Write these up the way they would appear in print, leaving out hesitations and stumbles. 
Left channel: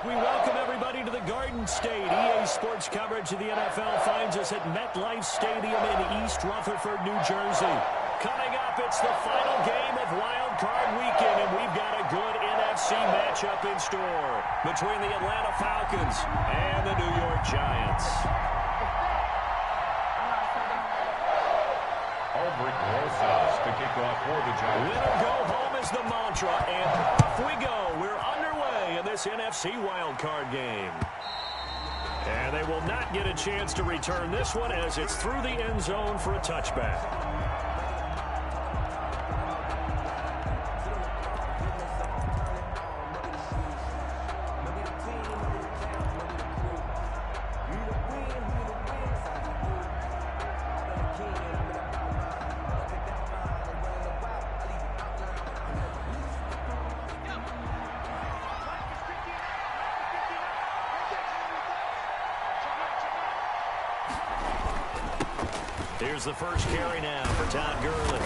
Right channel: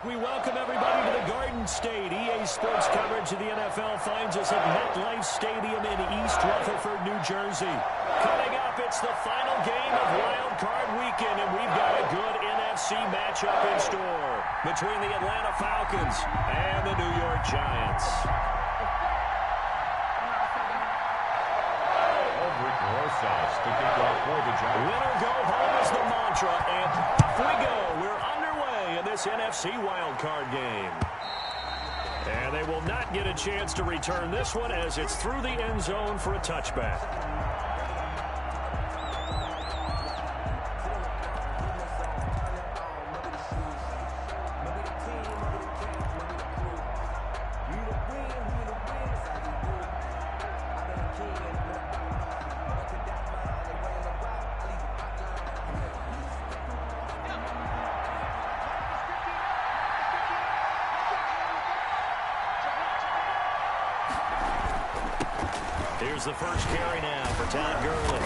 We welcome everybody to the Garden State. EA Sports coverage of the NFL finds us at MetLife Stadium in East Rutherford, New Jersey. Coming up, it's the final game of Wild Card Weekend, and we've got a good NFC matchup in store between the Atlanta Falcons and the New York Giants. Aldrick Rosas to kick off for the Giants. Winner go home is the mantra, and off we go. We're underway in this NFC Wild Card game. And they will not get a chance to return this one as it's through the end zone for a touchback. Here's the first carry now for Todd Gurley.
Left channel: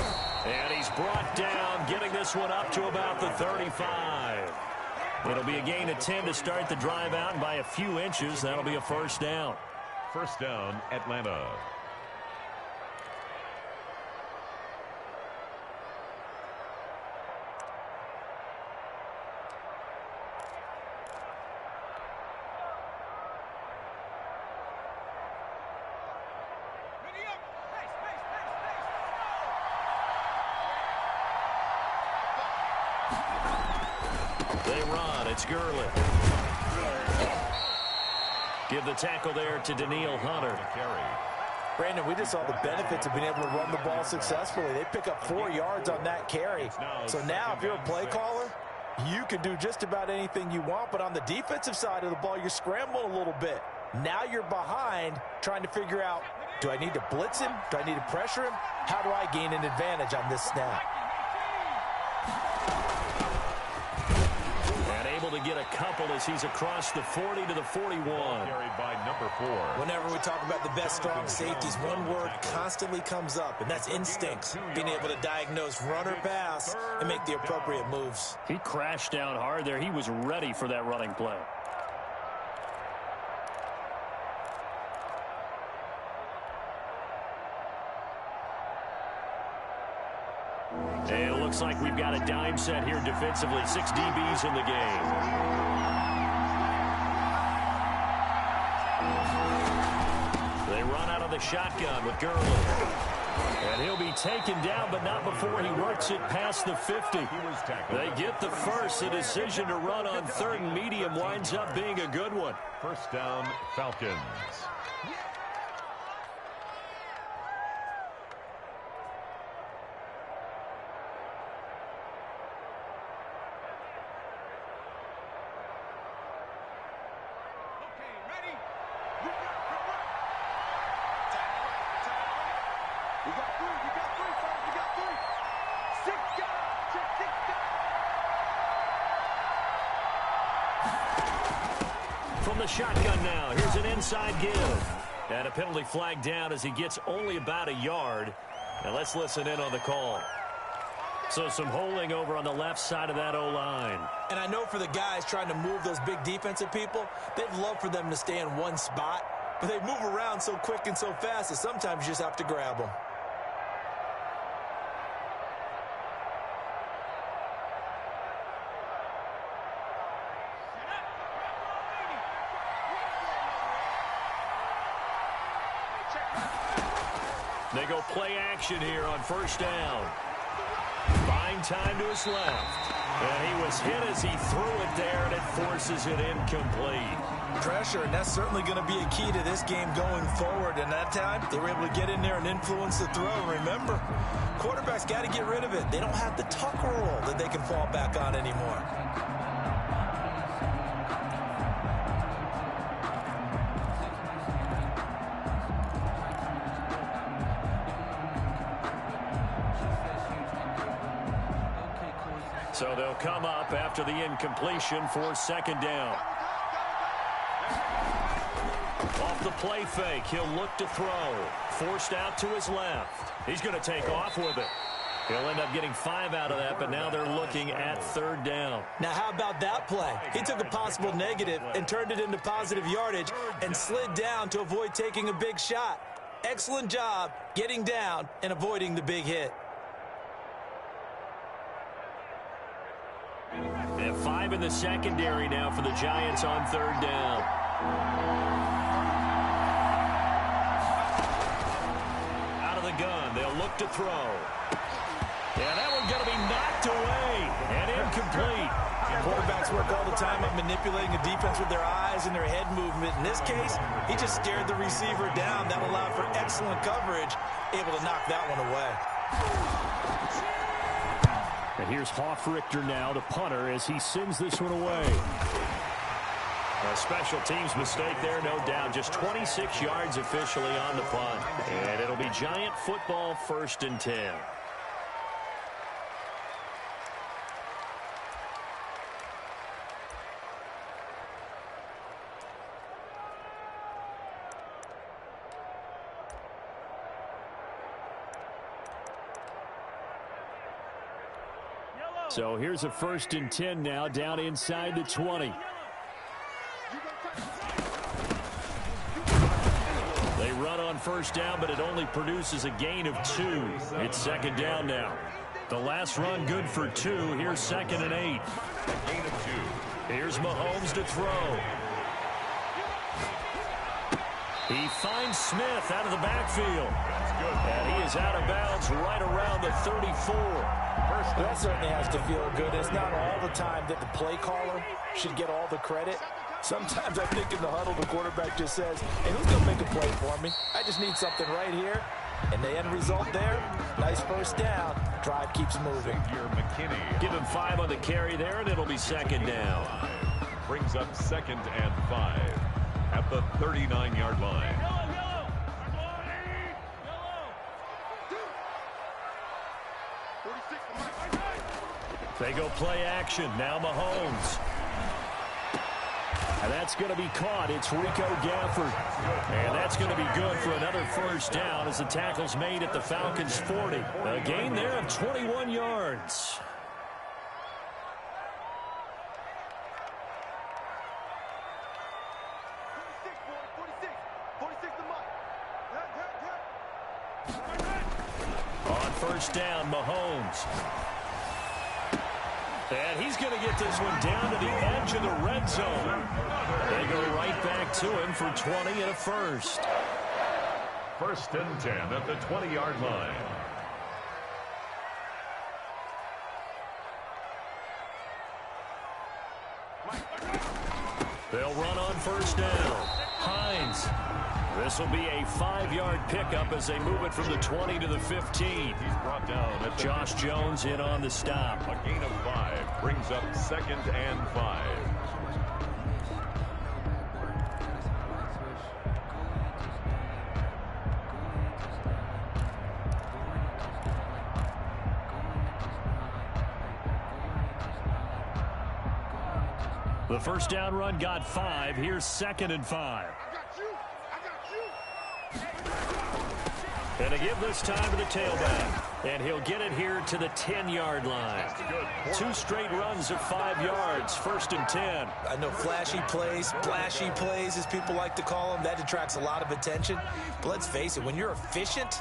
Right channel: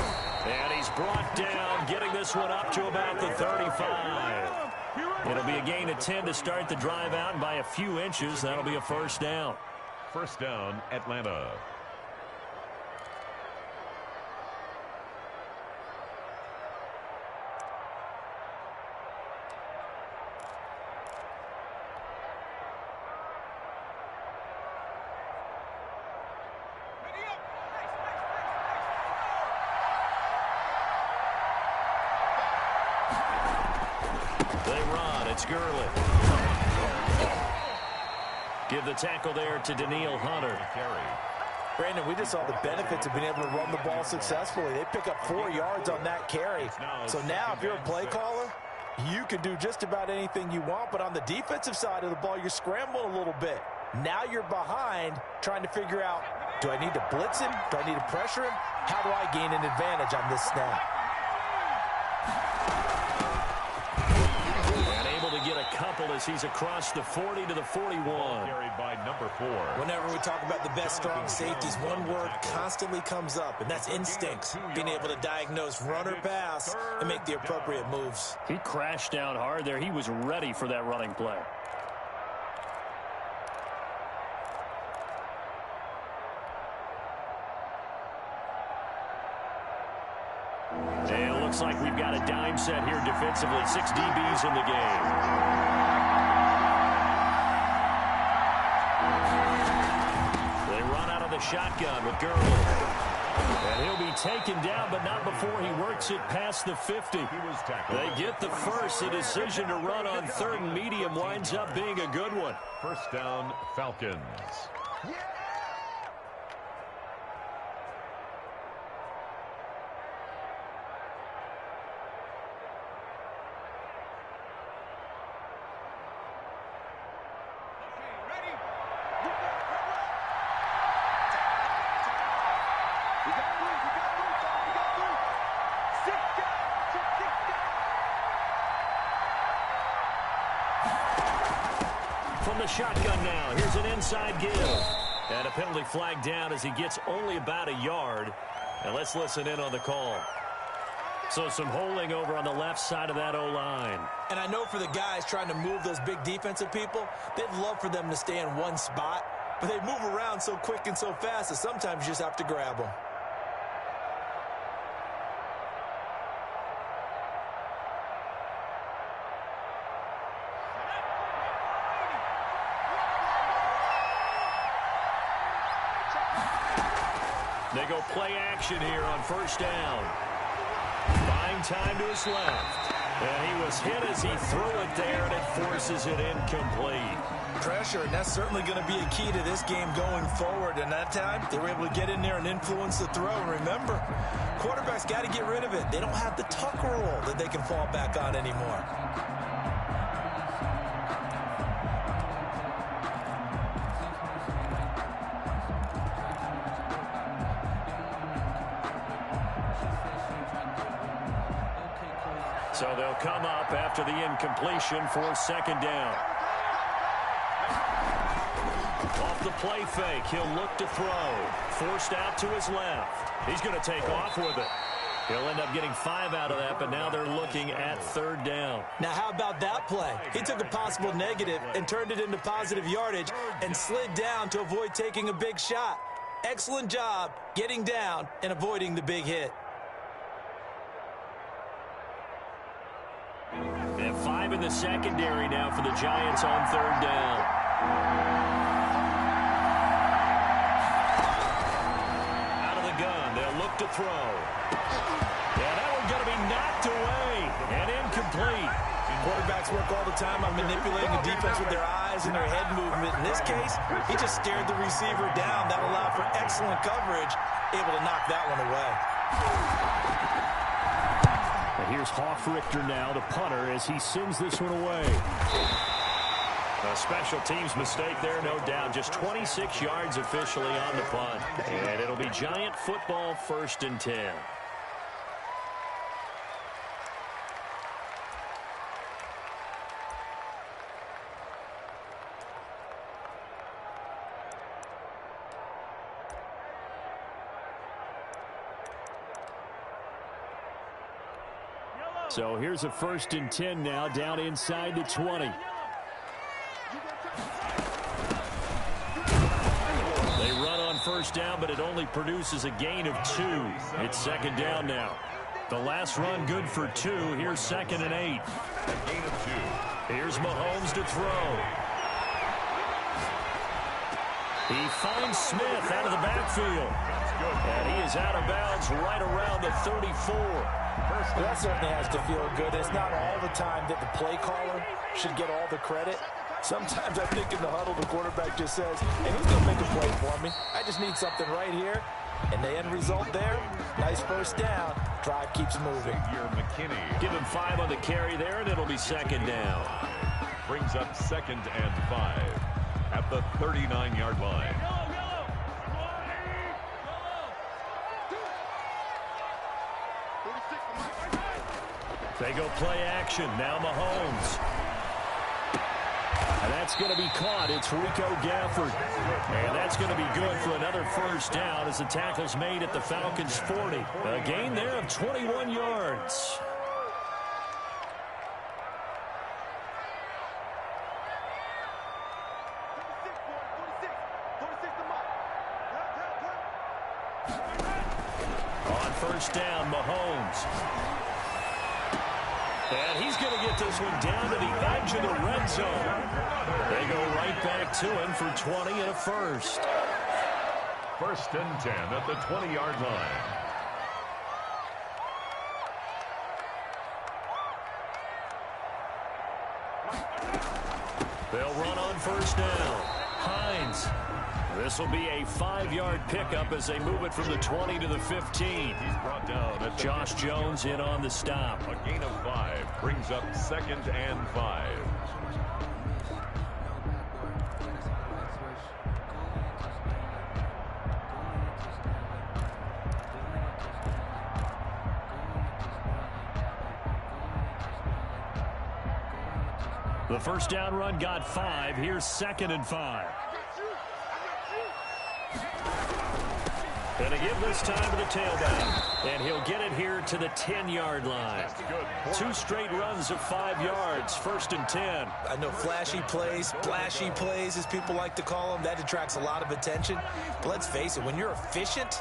And he's brought down, getting this one up to about the 35. It'll be a gain of 10 to start the drive out, and by a few inches, that'll be a first down. First down, Atlanta. They run. It's Gurley. Give the tackle there to Danielle Hunter. Brandon, we just saw the benefits of being able to run the ball successfully. They pick up 4 yards on that carry. So now if you're a play caller, you can do just about anything you want. But on the defensive side of the ball, you're scrambling a little bit. Now you're behind trying to figure out, do I need to blitz him? Do I need to pressure him? How do I gain an advantage on this snap? To get a couple as he's across the 40 to the 41. Carried by number 4. Whenever we talk about the best strong safeties, one word constantly comes up, and that's instincts. Being able to diagnose run or pass and make the appropriate moves. He crashed down hard there. He was ready for that running play. It looks like we've got a dime set here defensively. 6 DBs in the game. They run out of the shotgun with Gurley. And he'll be taken down, but not before he works it past the 50. They get the first. The decision to run on 3rd and medium winds up being a good one. First down, Falcons. From the shotgun now, here's an inside give. And a penalty flag down as he gets only about a yard. And let's listen in on the call. So some holding over on the left side of that O-line. And I know for the guys trying to move those big defensive people, they'd love for them to stay in one spot. But they move around so quick and so fast that sometimes you just have to grab them. They go play action here on first down. Buying time to his left. And he was hit as he threw it there, and it forces it incomplete. Pressure, and that's certainly going to be a key to this game going forward. And that time, they were able to get in there and influence the throw. Remember, quarterbacks got to get rid of it. They don't have the tuck rule that they can fall back on anymore. So they'll come up after the incompletion for second down. Off the play fake, he'll look to throw. Forced out to his left. He's going to take off with it. He'll end up getting 5 out of that, but now they're looking at 3rd down. Now, how about that play? He took a possible negative and turned it into positive yardage and slid down to avoid taking a big shot. Excellent job getting down and avoiding the big hit. They have 5 in the secondary now for the Giants on 3rd down. Out of the gun, they'll look to throw. Yeah, that one's going to be knocked away and incomplete. Quarterbacks work all the time on manipulating a defense with their eyes and their head movement. In this case, he just stared the receiver down. That allowed for excellent coverage, able to knock that one away. And here's Hofrichter now, the punter, as he sends this one away. A special teams mistake there, no doubt. Just 26 yards officially on the punt. And it'll be Giant football, 1st and 10. So here's a 1st and 10 now, down inside the 20. They run on 1st down, but it only produces a gain of 2. It's 2nd down now. The last run good for 2. Here's 2nd and 8. A gain of 2. Here's Mahomes to throw. He finds Smith out of the backfield. That's good. And he is out of bounds right around the 34. Well, that certainly has to feel good. It's not all the time that the play caller should get all the credit. Sometimes I think in the huddle, the quarterback just says, hey, who's going to make a play for me? I just need something right here. And the end result there, nice 1st down. Drive keeps moving. Xavier McKinney. Give him 5 on the carry there, and it'll be 2nd down. Brings up 2nd and 5 at the 39-yard line. They go play action. Now Mahomes. And that's going to be caught. It's Rico Gafford. And that's going to be good for another 1st down as the tackle's made at the Falcons' 40. A gain there of 21 yards. On 1st down, Mahomes. And he's going to get this one down to the edge of the red zone. They go right back to him for 20 and a 1st. 1st and 10 at the 20-yard line. They'll run on 1st down. Hines. This will be a 5-yard pickup as they move it from the 20 to the 15. He's brought down at Josh Jones in on the stop. A gain of 5 brings up 2nd and 5. The 1st down run got 5. Here's 2nd and 5. And to give this time to the tailback. And he'll get it here to the 10-yard line. 2 straight runs of 5 yards. 1st and 10. I know flashy plays, splashy plays, as people like to call them, that attracts a lot of attention. But let's face it, when you're efficient,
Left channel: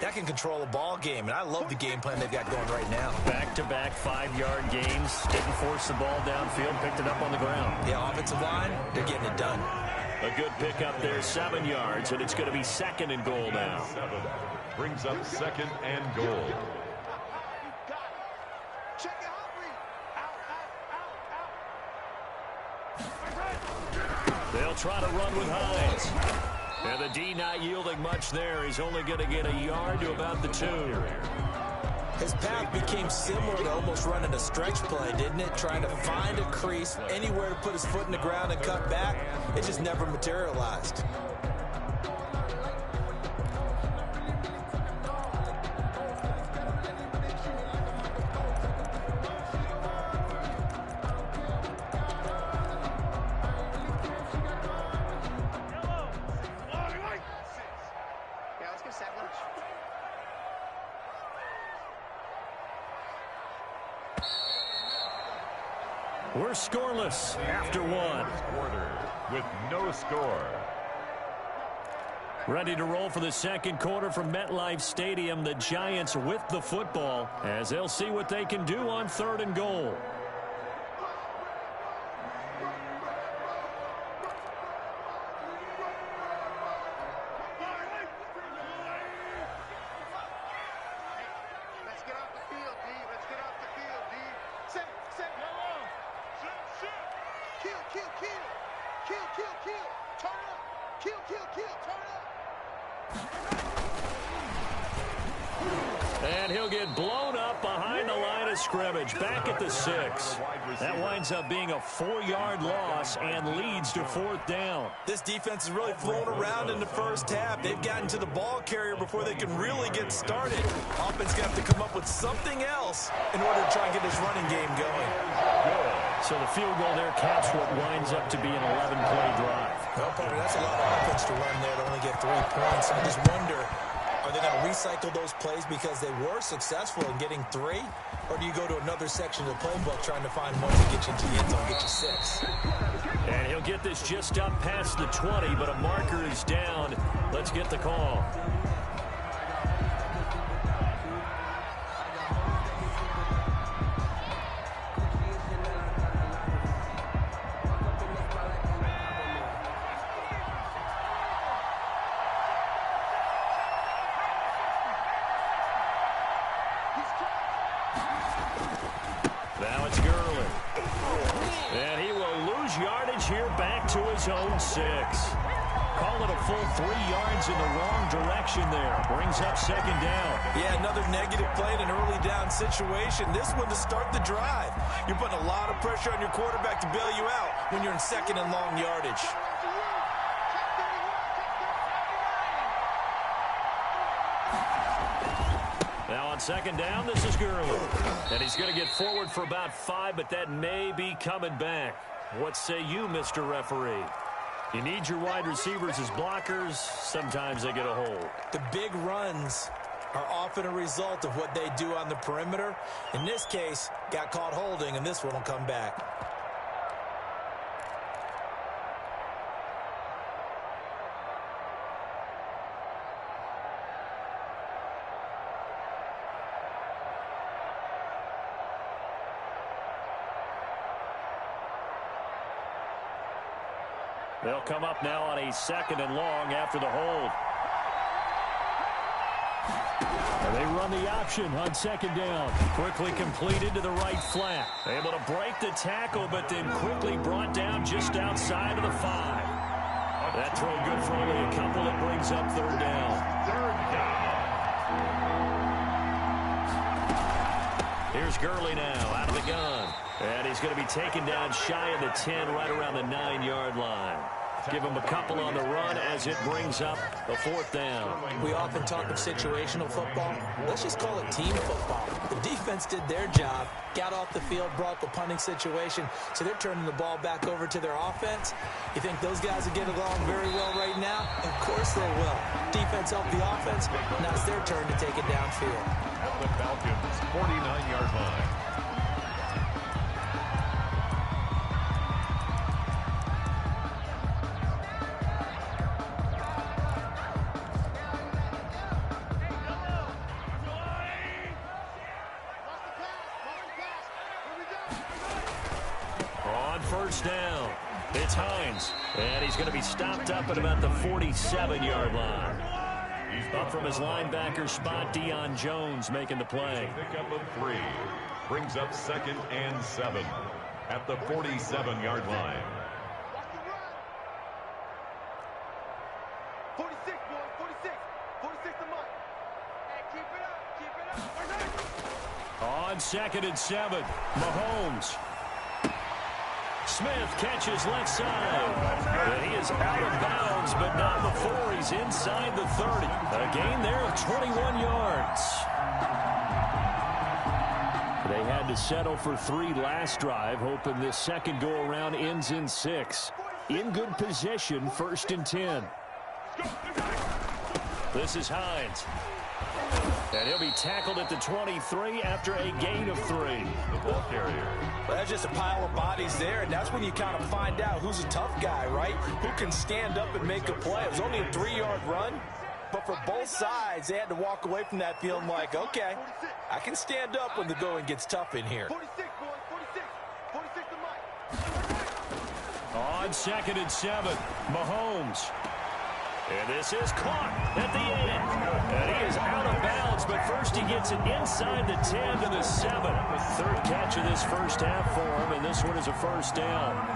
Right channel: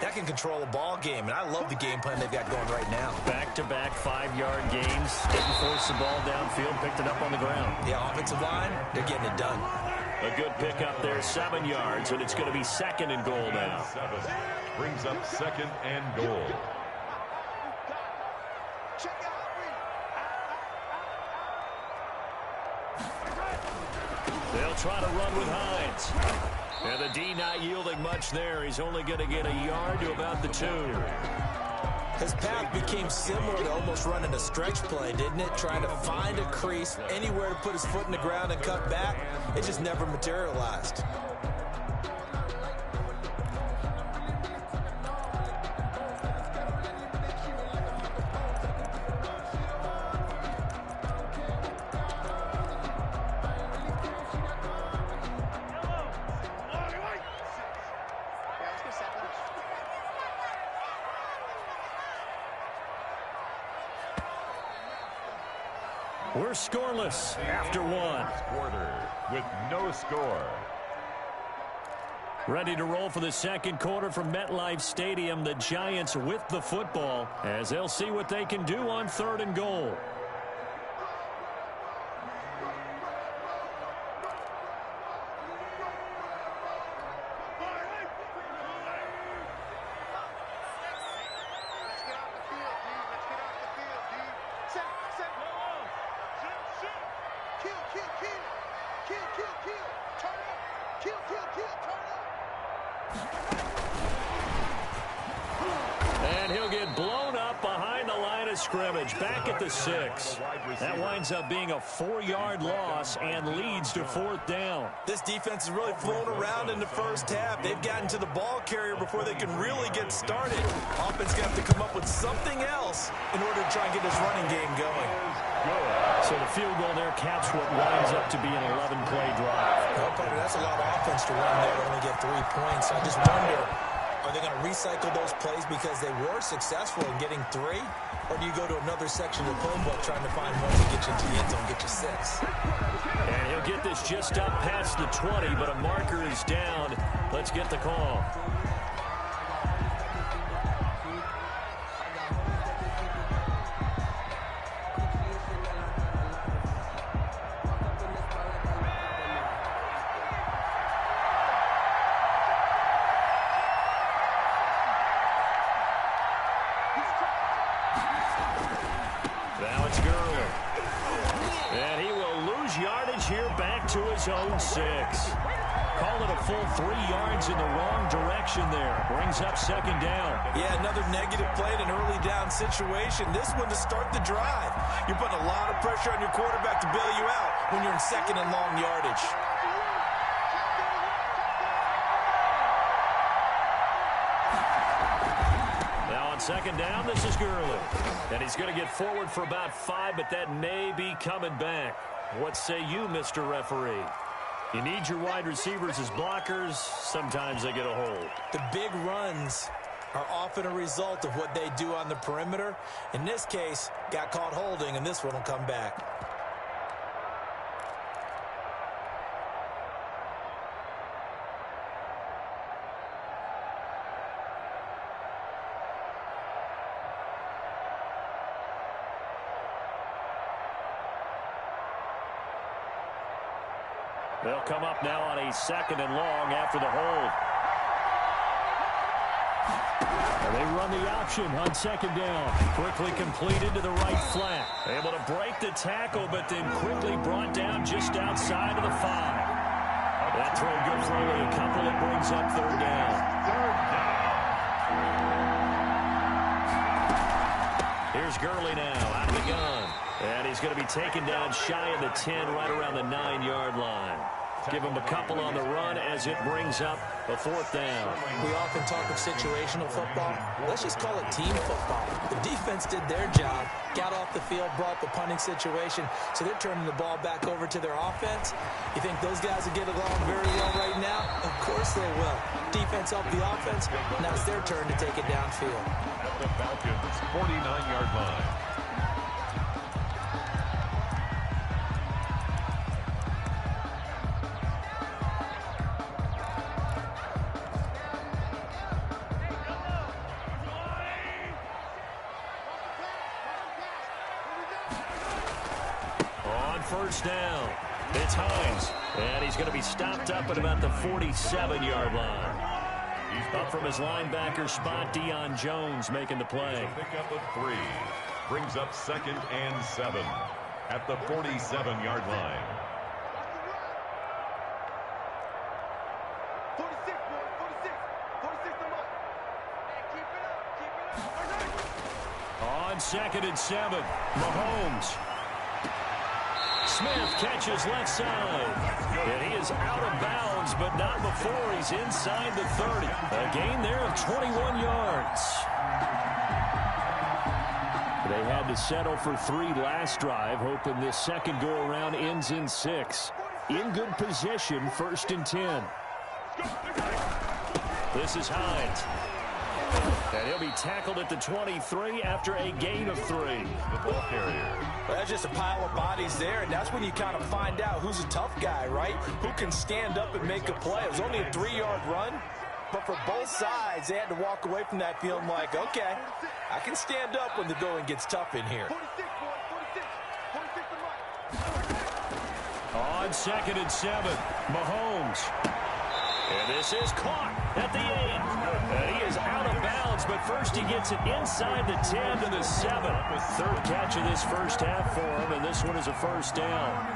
that can control a ball game. And I love the game plan they've got going right now. Back-to-back 5-yard gains. Didn't force the ball downfield. Picked it up on the ground. The offensive line, they're getting it done. A good pickup there, 7 yards, and it's going to be 2nd and goal now. 7 brings up 2nd and goal. They'll try to run with Hines. And the D not yielding much there. He's only going to get a yard to about the 2. His path became similar to almost running a stretch play, didn't it? Trying to find a crease, anywhere to put his foot in the ground and cut back. It just never materialized. We're scoreless after one. Quarter with no score. Ready to roll for the second quarter from MetLife Stadium. The Giants with the football as they'll see what they can do on 3rd and goal. And he'll get blown up behind the line of scrimmage, back at the 6. That winds up being a 4-yard loss and leads to 4th down. This defense is really flown around in the first half. They've gotten to the ball carrier before they can really get started. Offense going to have to come up with something else in order to try and get this running game going. Good. So the field goal there caps what winds up to be an 11-play drive. Well, partner, that's a lot of offense to run there to only get 3 points. I just wonder, are they going to recycle those plays because they were successful in getting 3? Or do you go to another section of the playbook trying to find one to get you into the end zone, get you 6? And he'll get this just up past the 20, but a marker is down. Let's get the call. Now it's Gurley. And he will lose yardage here back to his own 6. Call it a full 3 yards in the wrong direction there. Brings up 2nd down. Yeah, another negative play in an early down situation. This one to start the drive. You're putting a lot of pressure on your quarterback to bail you out when you're in 2nd and long yardage. Now on 2nd down, this is Gurley. And he's going to get forward for about 5, but that may be coming back. What say you, Mr. Referee? You need your wide receivers as blockers. Sometimes they get a hold. The big runs are often a result of what they do on the perimeter. In this case, got caught holding, and this one will come back. They'll come up now on a 2nd and long after the hold. And they run the option on 2nd down. Quickly completed to the right flat. Able to break the tackle, but then quickly brought down just outside of the 5. That throw good for only a couple. It brings up 3rd down. 3rd down. Here's Gurley now out of the gun. And he's going to be taken down shy of the 10, right around the 9-yard line. Give him a couple on the run as it brings up the 4th down. We often talk of situational football. Let's just call it team football. The defense did their job, got off the field, brought the punting situation, so they're turning the ball back over to their offense. You think those guys will get along very well right now? Of course they will. Defense helped the offense. Now it's their turn to take it downfield. At the Falcons' 49-yard line. On 1st down, it's Hines. And he's going to be stopped up at about the 47-yard line. Up from his linebacker spot, Deion Jones making the play. Pickup of 3. Brings up 2nd and 7 at the 47-yard line. 46, boys, 46. 46 to Mike. Hey, keep it up, On 2nd and 7, Mahomes. Smith catches left side. And he is out of bounds, but not before he's inside the 30. A gain there of 21 yards. They had to settle for 3 last drive, hoping this second go-around ends in 6. In good position, 1st and 10. This is Hines. And he'll be tackled at the 23 after a gain of 3. The ball carrier. Well, that's just a pile of bodies there, and that's when you kind of find out who's a tough guy, right? Who can stand up and make a play. It was only a 3-yard run, but for both sides, they had to walk away from that feeling like, okay, I can stand up when the going gets tough in here. 46, boys, 46. 46 to Mike. On 2nd and 7, Mahomes. And this is caught at the 8. And he is out of bounds, but first he gets it inside the 10 to the 7. Third catch of this first half for him, and this one is a first down.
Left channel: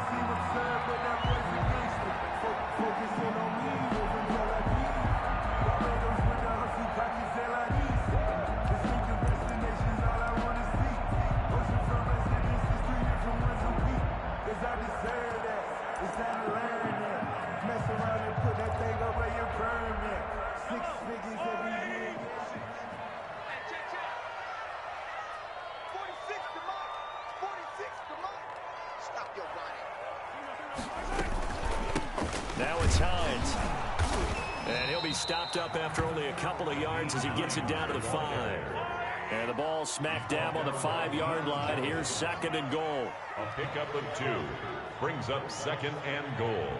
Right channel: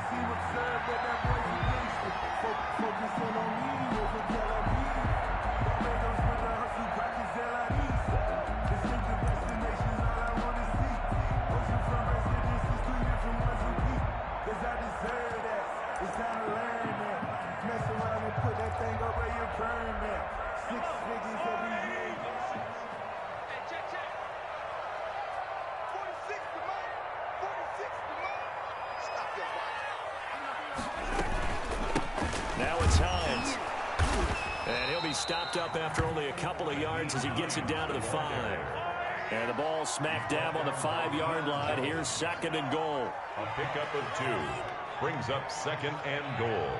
It's time to learn that. Mess around and put that thing up where you burn that. 6 figures every year. Hey, check. 46 to Mike. 46 to Mike. Stop your whining. Now it's Hines. And he'll be stopped up after only a couple of yards as he gets it down to the 5. And the ball smack dab on the 5-yard line. Here's 2nd and goal. A pickup of 2. Brings up 2nd and goal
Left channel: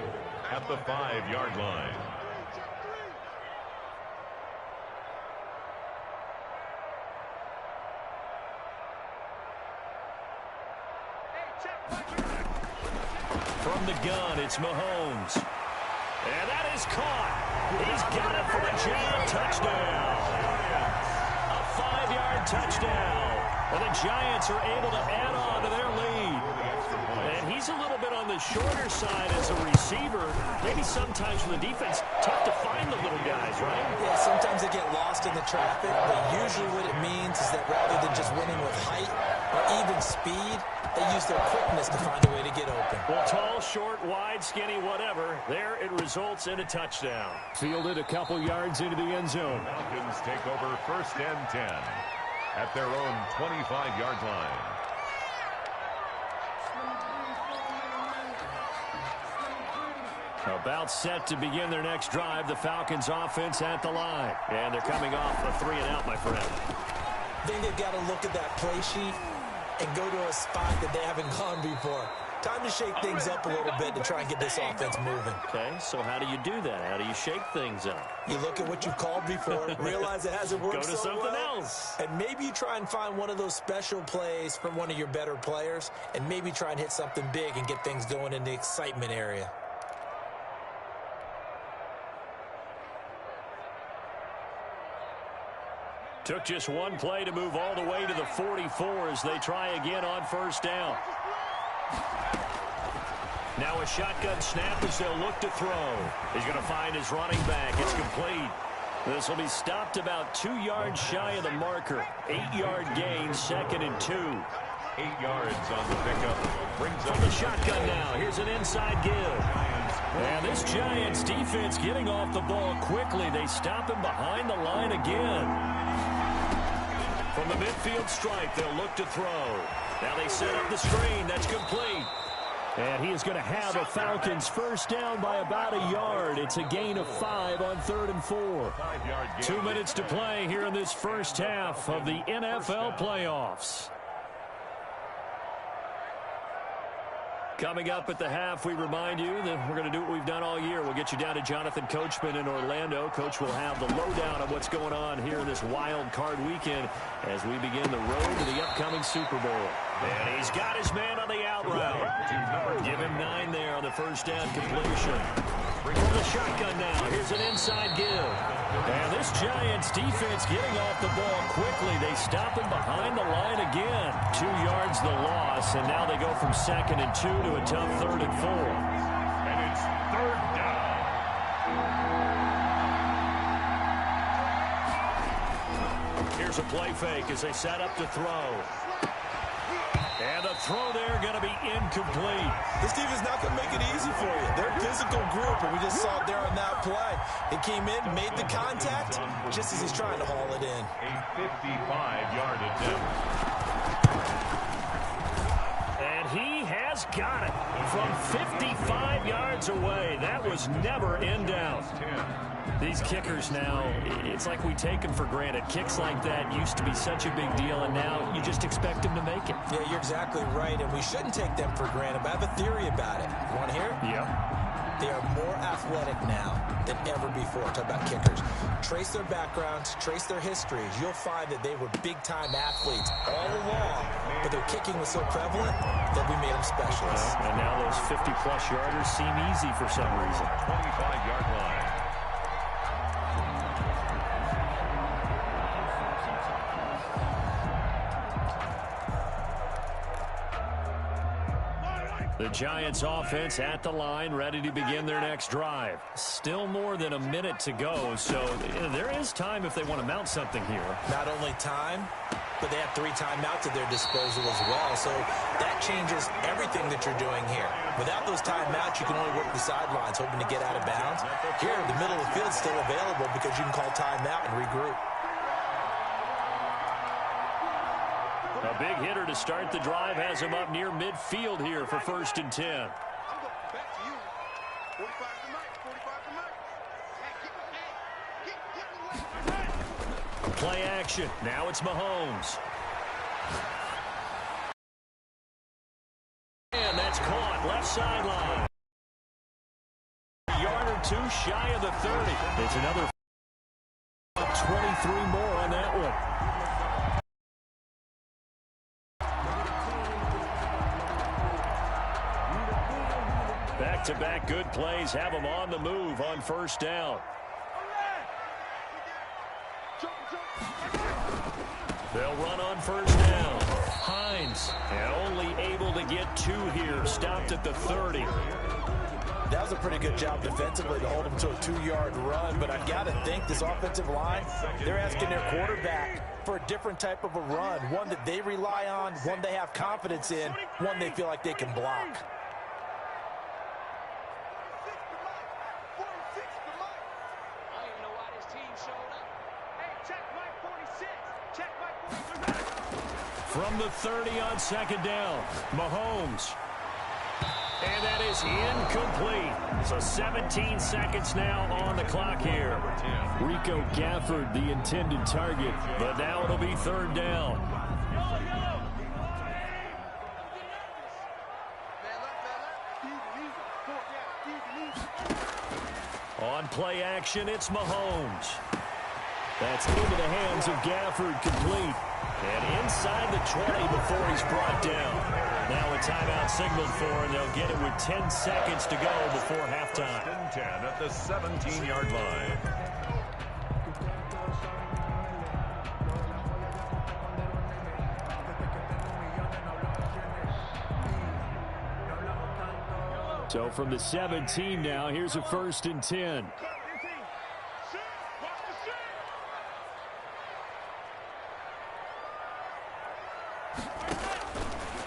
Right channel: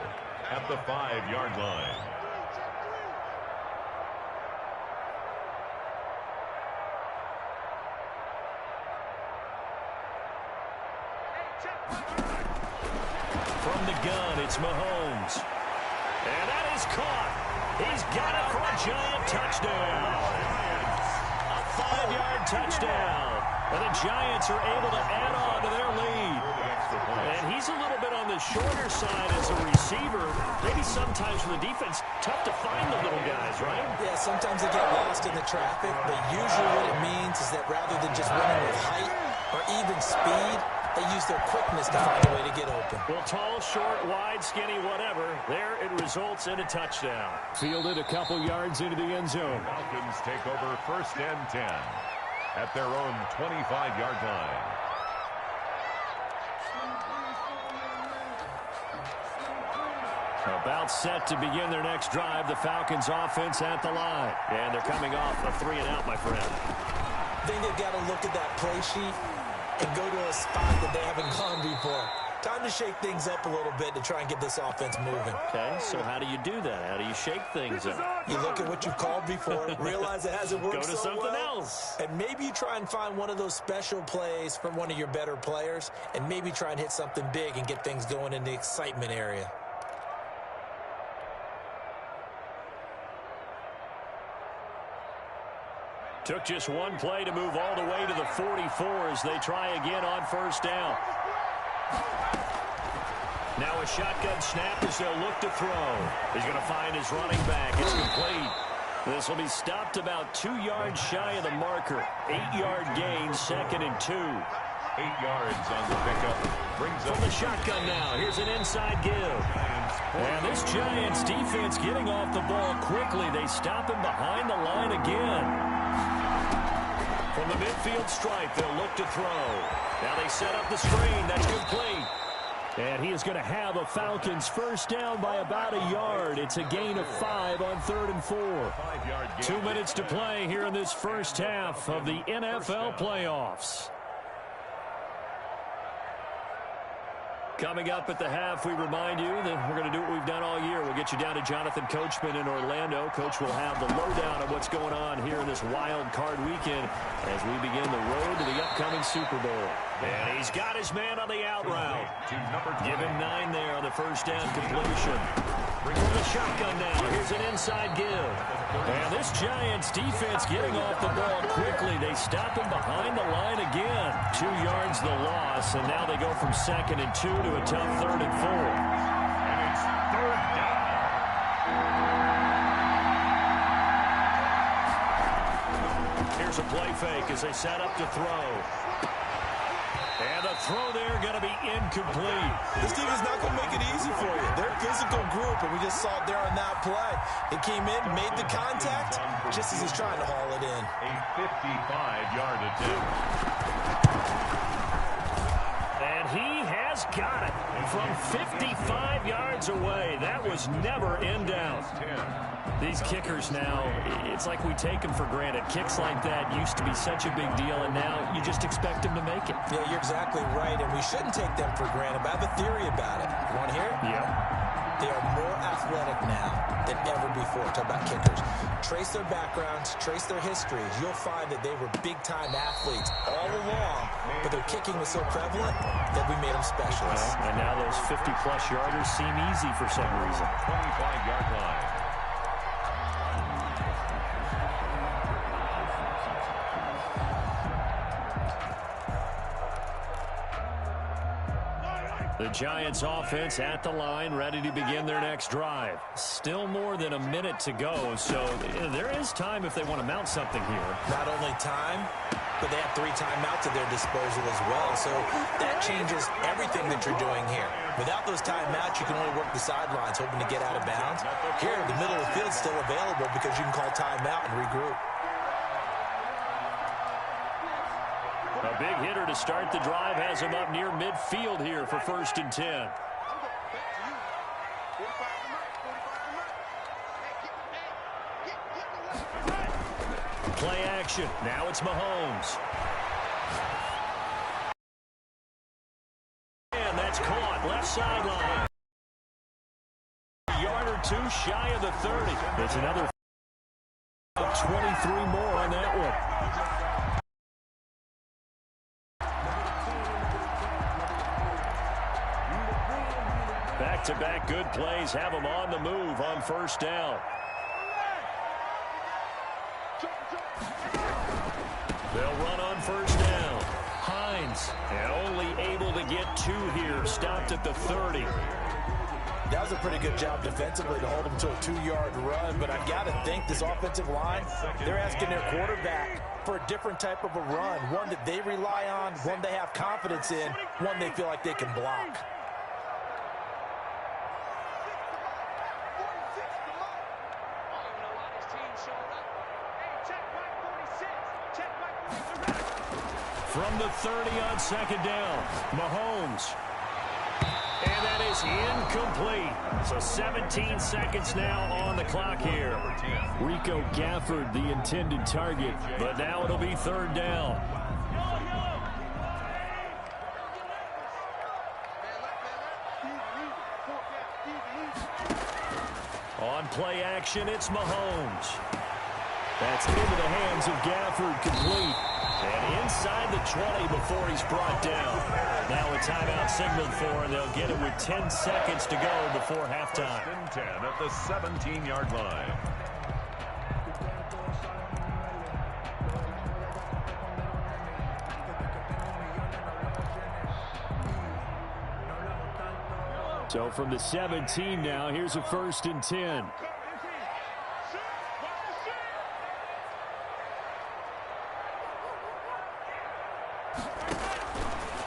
at the 5-yard line. From the gun, it's Mahomes. And that is caught. He's got it for a giant touchdown. A 5-yard touchdown. And the Giants are able to add on to their lead. And he's a little bit on the shorter side as a receiver. Maybe sometimes for the defense, tough to find the little guys, right? Yeah, sometimes they get lost in the traffic, but usually what it means is that rather than just winning with height or even speed, they use their quickness to find a way to get open. Well, tall, short, wide, skinny, whatever, there it results in a touchdown. Fielded a couple yards into the end zone. Falcons take over 1st and 10 at their own 25-yard line. About set to begin their next drive, the Falcons offense at the line. And they're coming off a 3-and-out, my friend. I think they've got to look at that play sheet and go to a spot that they haven't gone before. Time to shake things up a little bit to try and get this offense moving. Okay, so how do you do that? How do you shake things up? You look at what you've called before, realize it hasn't worked Go to so something well, else. and maybe you try and find one of those special plays from one of your better players, and maybe try and hit something big and get things going in the excitement area. Took just one play to move all the way to the 44 as they try again on 1st down. Now a shotgun snap as they'll look to throw. He's going to find his running back. It's complete. This will be stopped about 2 yards shy of the marker. 8-yard gain, 2nd and 2. 8 yards on the pickup. Brings From up the shotgun now. Here's an inside give. And this Giants defense getting off the ball quickly. They stop him behind the line again. From the midfield stripe, they'll look to throw. Now they set up the screen. That's complete. And he is going to have a Falcons first down by about a yard. It's a gain of 5 on 3rd and 4. 5-yard gain. 2 minutes to play here in this first half of the NFL playoffs. Coming up at the half, we remind you that we're going to do what we've done all year. We'll get you down to Jonathan Coachman in Orlando. Coach will have the lowdown of what's going on here in this wild card weekend as we begin the road to the upcoming Super Bowl. And he's got his man on the out route. Give him 9 there on the first down completion. From the shotgun now, here's an inside give. And this Giants defense getting off the ball quickly. They stop him behind the line again. 2 yards the loss, and now they go from 2nd and 2 to a tough 3rd and 4. And it's 3rd down. Here's a play fake as they set up to throw. And the throw there going to be incomplete. This defense is not going to make it easy for you. They're a physical group, and we just saw it there on that play. He came in, made the contact, just as he's trying to haul it in. A 55-yard attempt. And he has got it from 55 yards away. That was never in doubt. 10. These kickers now, it's like we take them for granted. Kicks like that used to be such a big deal, and now you just expect them to make it. Yeah, you're exactly right, and we shouldn't take them for granted, but I have a theory about it. You want to hear it? Yep. They are more athletic now than ever before. Talk about kickers. Trace their backgrounds, trace their histories. You'll find that they were big-time athletes all along, but their kicking was so prevalent that we made them specialists. And now those 50-plus yarders seem easy for some reason. 25-yard line. The Giants offense at the line, ready to begin their next drive. Still more than a minute to go, so there is time if they want to mount something here. Not only time, but they have 3 timeouts at their disposal as well, so that changes everything that you're doing here. Without those timeouts, you can only work the sidelines, hoping to get out of bounds. Here, the middle of the field is still available because you can call timeout and regroup. A big hitter to start the drive has him up near midfield here for 1st and 10. I'm going back to you. 45 to Mike. 45 to Mike. Hey, get away. Play action. Now it's Mahomes. And that's caught. Left sideline. A yard or 2 shy of the 30. It's another 23 more on that one. Back-to-back good plays have them on the move on 1st down. They'll run on 1st down. Hines, and only able to get 2 here. Stopped at the 30. That was a pretty good job defensively to hold them to a 2-yard run, but I've got to think this offensive line, they're asking their quarterback for a different type of a run, one that they rely on, one they have confidence in, one they feel like they can block. From the 30 on 2nd down, Mahomes. And that is incomplete. So 17 seconds now on the clock here. Rico Gafford, the intended target, but now it'll be 3rd down. On play action, it's Mahomes. That's into the hands of Gafford, complete. And inside the 20 before he's brought down. Now a timeout signaled for, and they'll get it with 10 seconds to go before halftime. 1st and 10 at the 17-yard line. So from the 17 now, here's a 1st and 10.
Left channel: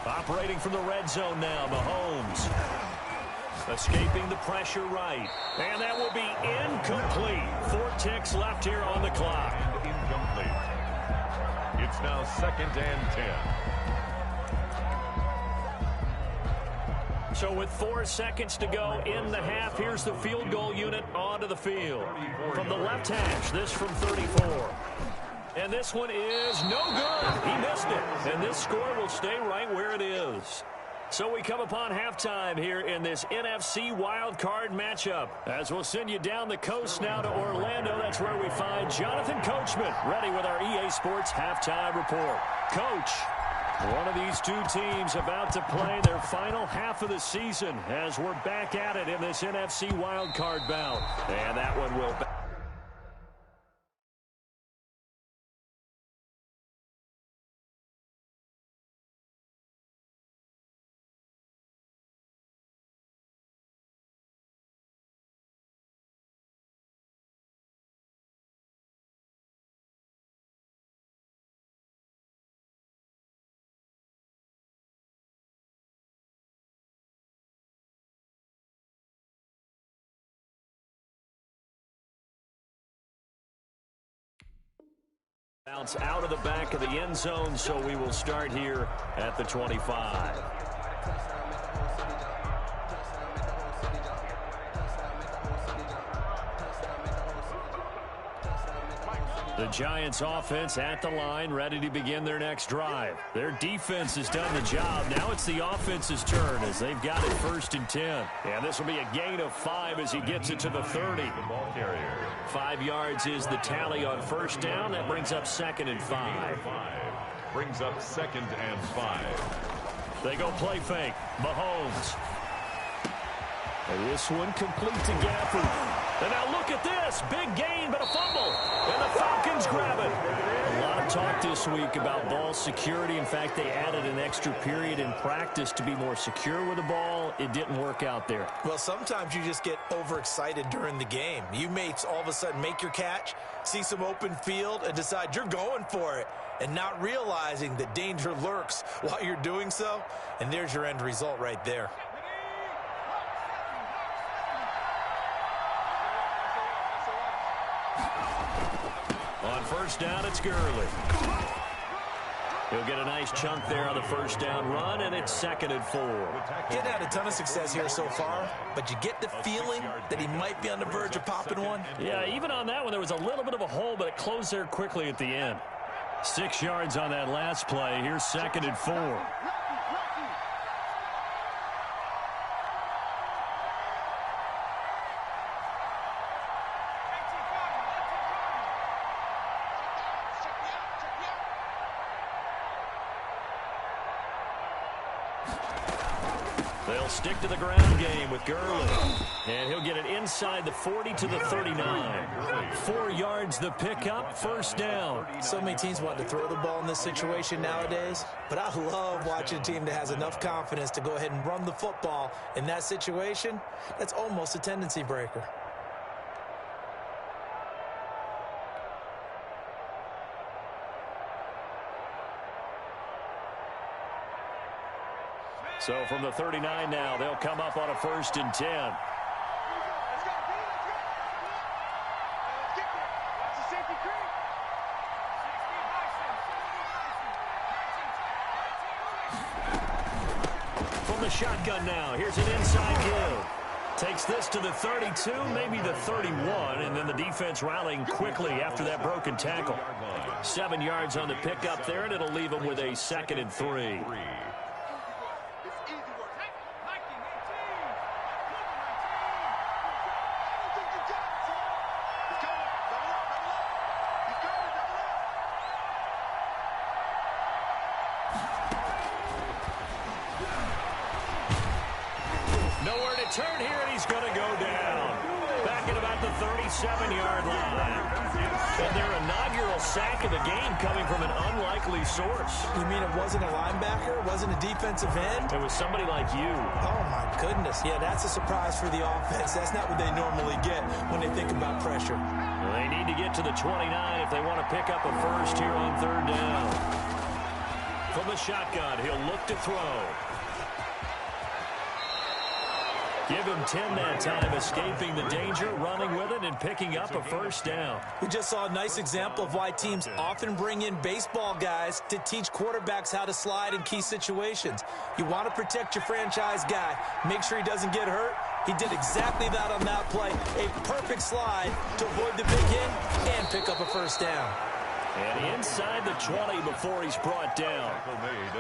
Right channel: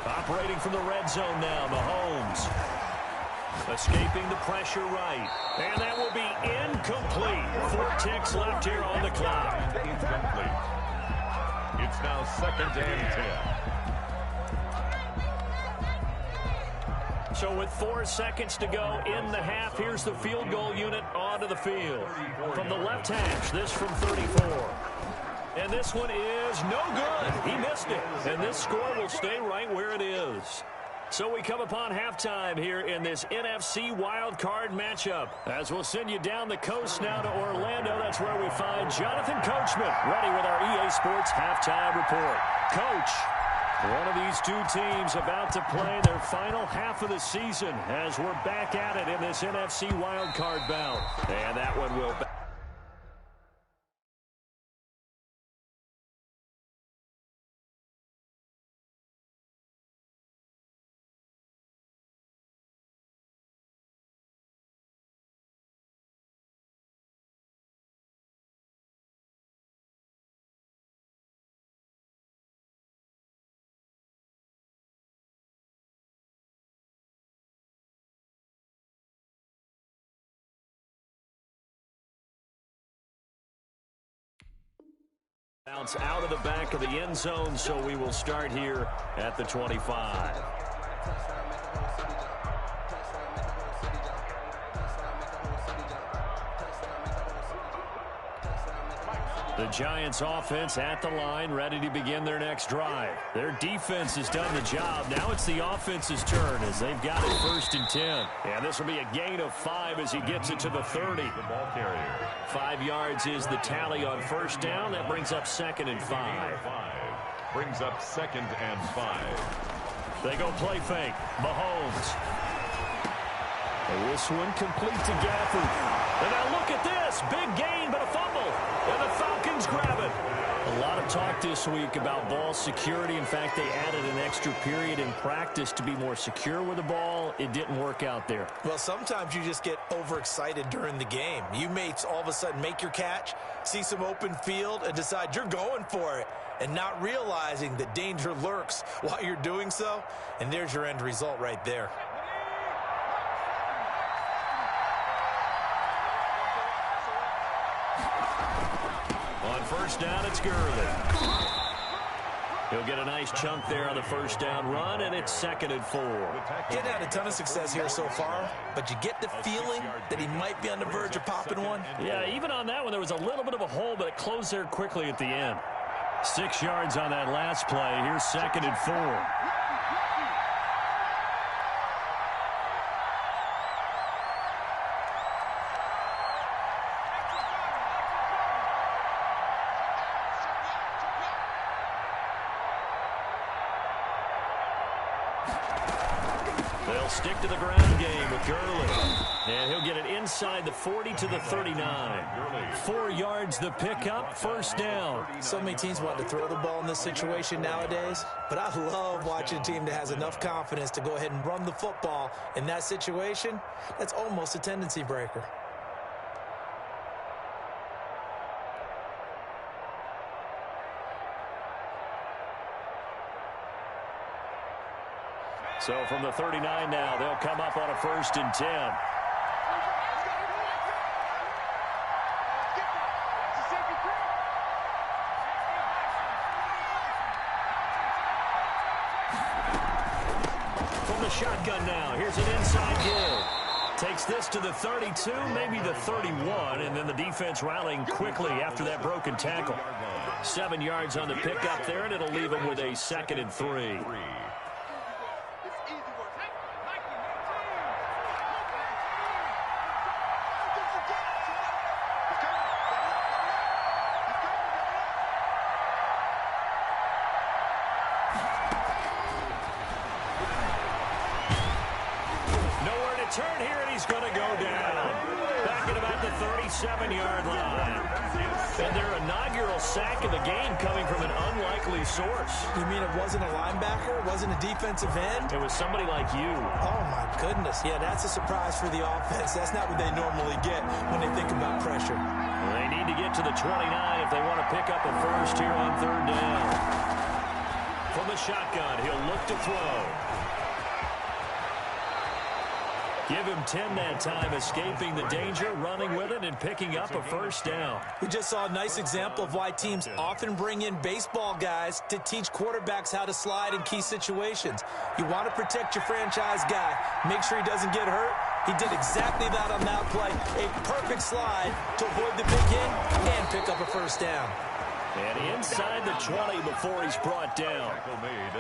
Operating from the red zone now, Mahomes. Escaping the pressure right. And that will be incomplete. 4 ticks left here on the clock. And incomplete. It's now 2nd and 10. So with 4 seconds to go in the half, here's the field goal unit onto the field. From the left hash, this from 34. And this one is no good. He missed it. And this score will stay right where it is. So we come upon halftime here in this NFC wildcard matchup. As we'll send you down the coast now to Orlando. That's where we find Jonathan Coachman ready with our EA Sports halftime report. Coach, one of these 2 teams about to play their final half of the season as we're back at it in this NFC wildcard bout. And that one will... Bounce out of the back of the end zone, so we will start here at the 25. The Giants offense at the line, ready to begin their next drive. Their defense has done the job. Now it's the offense's turn as they've got it 1st and 10. And this will be a gain of 5 as he gets it to the 30. The ball carrier. 5 yards is the tally on 1st down. That brings up 2nd and 5. Brings up 2nd and 5. They go play fake. Mahomes. And this one complete to Gafford. And now look at this. Big gain, but a fumble. And the Falcons grab it. A lot of talk this week about ball security. In fact, they added an extra period in practice to be more secure with the ball. It didn't work out there. Well, sometimes you just get overexcited during the game. You may all of a sudden make your catch, see some open field, and decide you're going for it, and not realizing that danger lurks while you're doing so. And there's your end result right there. On 1st down, it's Gurley. He'll get a nice chunk there on the 1st down run, and it's 2nd and 4. Getting had a ton of success here so far, but you get the feeling that he might be on the verge of popping one. Yeah, even on that one, there was a little bit of a hole, but it closed there quickly at the end. 6 yards on that last play. Here's 2nd and 4. They'll stick to the ground game with Gurley. And he'll get it inside the 40 to the 39. 4 yards the pickup, 1st down. So many teams want to throw the ball in this situation nowadays, but I love watching a team that has enough confidence to go ahead and run the football in that situation. That's almost a tendency breaker. So from the 39 now, they'll come up on a 1st and 10. Let's go. Let's get there. Watch the safety creep. From the shotgun now, here's an inside give. Takes this to the 32, maybe the 31, and then the defense rallying quickly after that broken tackle. 7 yards on the pickup there, and it'll leave them with a 2nd and 3. Turn here, and he's going to go down. Back at about the 37-yard line. And their inaugural sack of the game coming from an unlikely source. You mean it wasn't a linebacker? It wasn't a defensive end? It was somebody like you. Oh, my goodness. Yeah, that's a surprise for the offense. That's not what they normally get when they think about pressure. Well, they need to get to the 29 if they want to pick up a 1st here on 3rd down. From the shotgun, he'll look to throw. Give him 10 that time, escaping the danger, running with it, and picking up a 1st down. We just saw a nice example of why teams often bring in baseball guys to teach quarterbacks how to slide in key situations. You want to protect your franchise guy. Make sure he doesn't get hurt. He did exactly that on that play. A perfect slide to avoid the big hit and pick up a 1st down. And inside the 20 before he's brought down.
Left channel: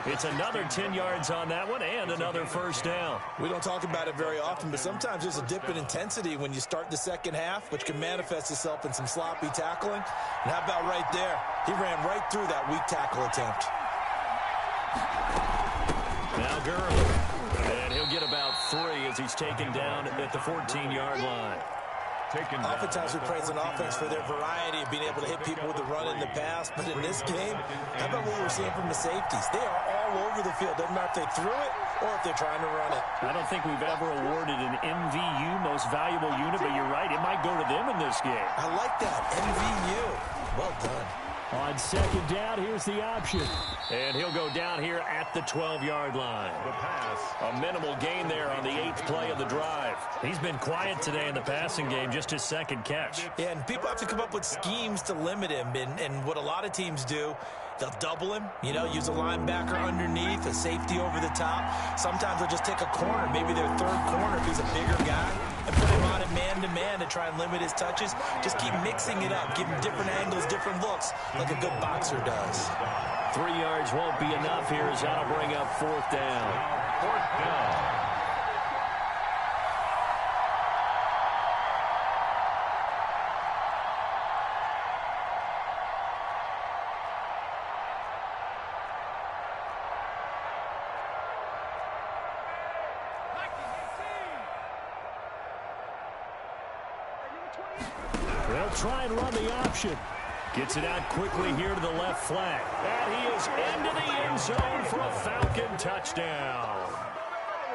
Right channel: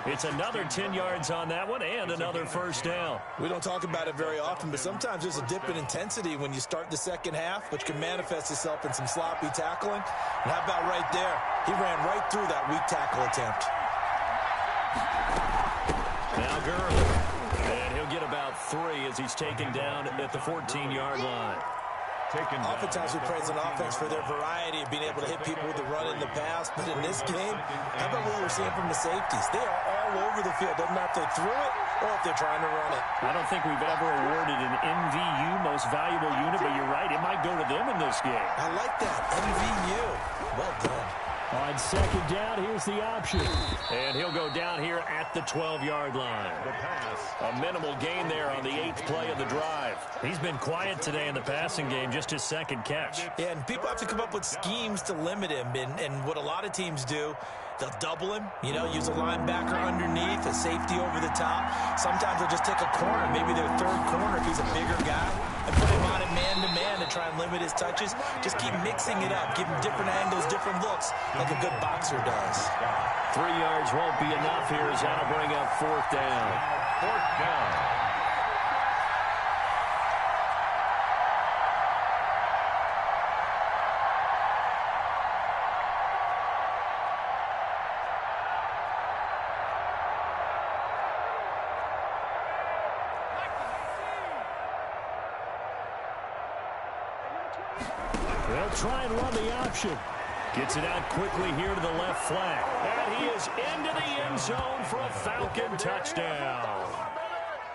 It's another 10 yards on that one and another 1st down. We don't talk about it very often, but sometimes there's a dip in intensity when you start the second half, which can manifest itself in some sloppy tackling. And how about right there? He ran right through that weak tackle attempt. Now Gurley. And he'll get about 3 as he's taken down at the 14-yard line. Oftentimes we praise an offense for their variety of being able to hit people with the run in the pass, but in this game, how about what we're seeing from the safeties? They are all over the field. Doesn't matter if they threw it or if they're trying to run it. I don't think we've ever awarded an MVU, most valuable unit, but you're right, it might go to them in this game. I like that, MVU. Well done. On 2nd down, here's the option. And he'll go down here at the 12-yard line. The pass. A minimal gain there on the 8th play of the drive. He's been quiet today in the passing game, just his 2nd catch. Yeah, and people have to come up with schemes to limit him. And what a lot of teams do They'll double him, you know, use a linebacker underneath, a safety over the top. Sometimes they'll just take a corner, maybe their third corner if he's a bigger guy, and put him on it man-to-man to try and limit his touches. Just keep mixing it up, give him different angles, different looks, like a good boxer does. 3 yards won't be enough here as that'll bring up 4th down. 4th down. They'll try and run the option. Gets it out quickly here to the left flat. And he is into the end zone for a Falcon touchdown.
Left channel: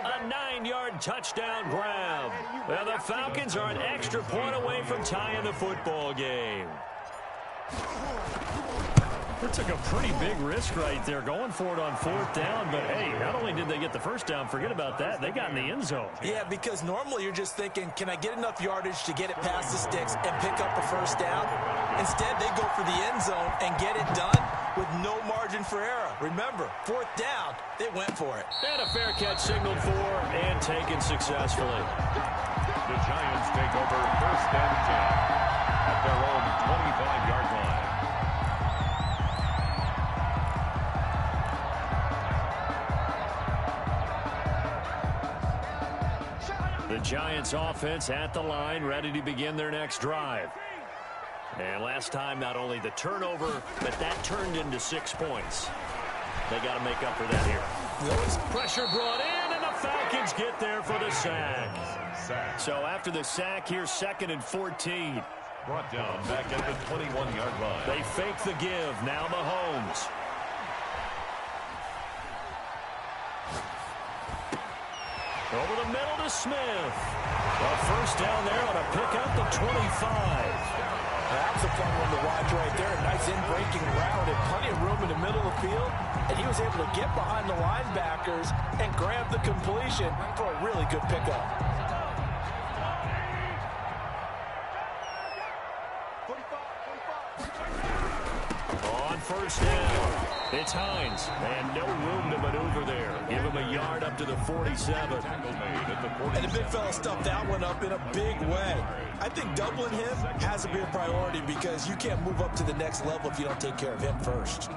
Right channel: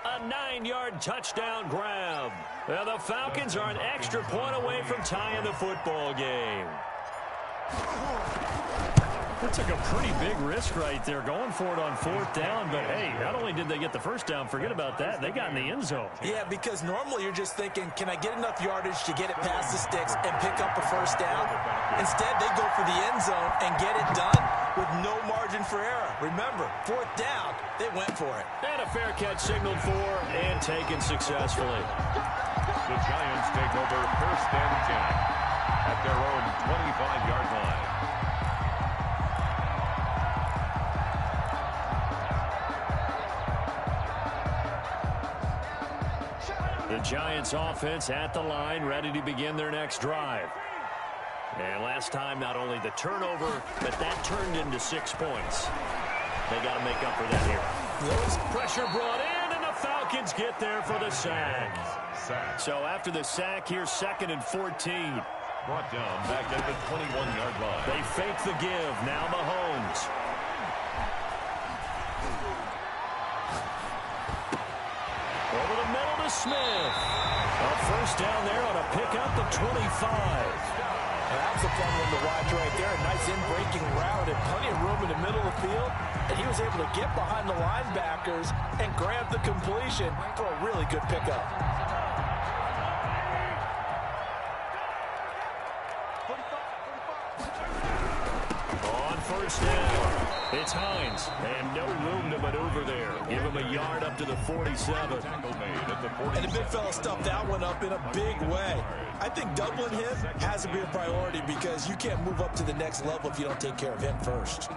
A 9-yard touchdown grab. Now the Falcons are an extra point away from tying the football game. They took a pretty big risk right there going for it on 4th down. But, hey, not only did they get the first down, forget about that, they got in the end zone. Yeah, because normally you're just thinking, can I get enough yardage to get it past the sticks and pick up a first down? Instead, they go for the end zone and get it done with no margin for error. Remember, 4th down, they went for it. And a fair catch signaled for and taken successfully. The Giants take over 1st and 10 at their own 25-yard line. The Giants offense at the line, ready to begin their next drive. And last time, not only the turnover, but that turned into 6 points. They got to make up for that here. Pressure brought in, and the Falcons get there for the sack. So after the sack, here's 2nd and 14. Brought down back at the 21-yard line. They fake the give. Now Mahomes. Over the middle to Smith. A first down there on a pickup of 25. That was a fun one to watch right there. A nice in-breaking route and plenty of room in the middle of the field. And he was able to get behind the linebackers and grab the completion for a really good pickup. 45. On first down, it's Hines, and no room to maneuver there. Give him a yard up to the 47. Tackle made at the 47. And the big fella stuffed that one up in a big way. I think doubling him has to be a priority because you can't move up to the next level if you don't take care of him first.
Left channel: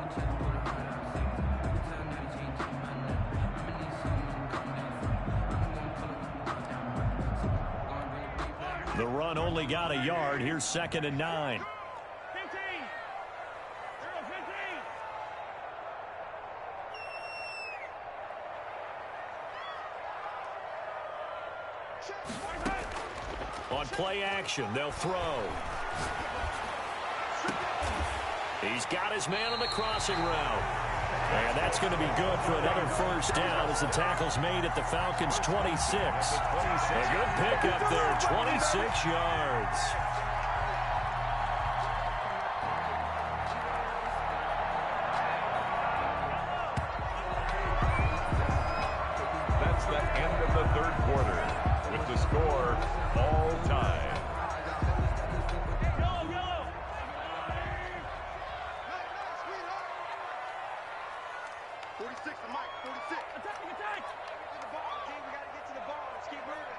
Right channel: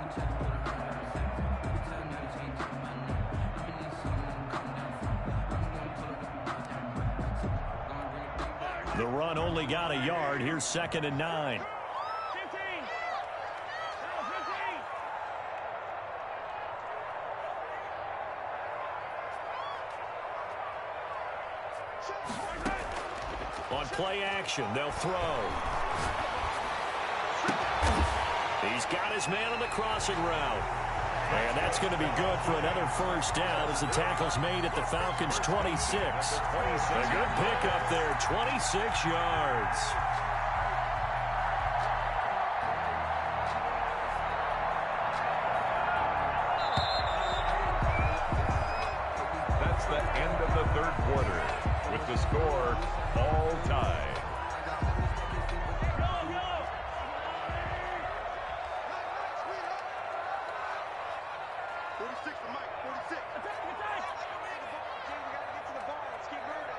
The run only got a yard. Here's 2nd and 9. 15. 15. On play action, they'll throw. He's got his man on the crossing route. And that's going to be good for another first down as the tackle's made at the Falcons' 26. A good pickup there, 26 yards. That's the end of the 3rd quarter with the score all tied. 46 to Mike, 46. Attack! Get the ball, King. We got to get to the ball. Let's keep moving.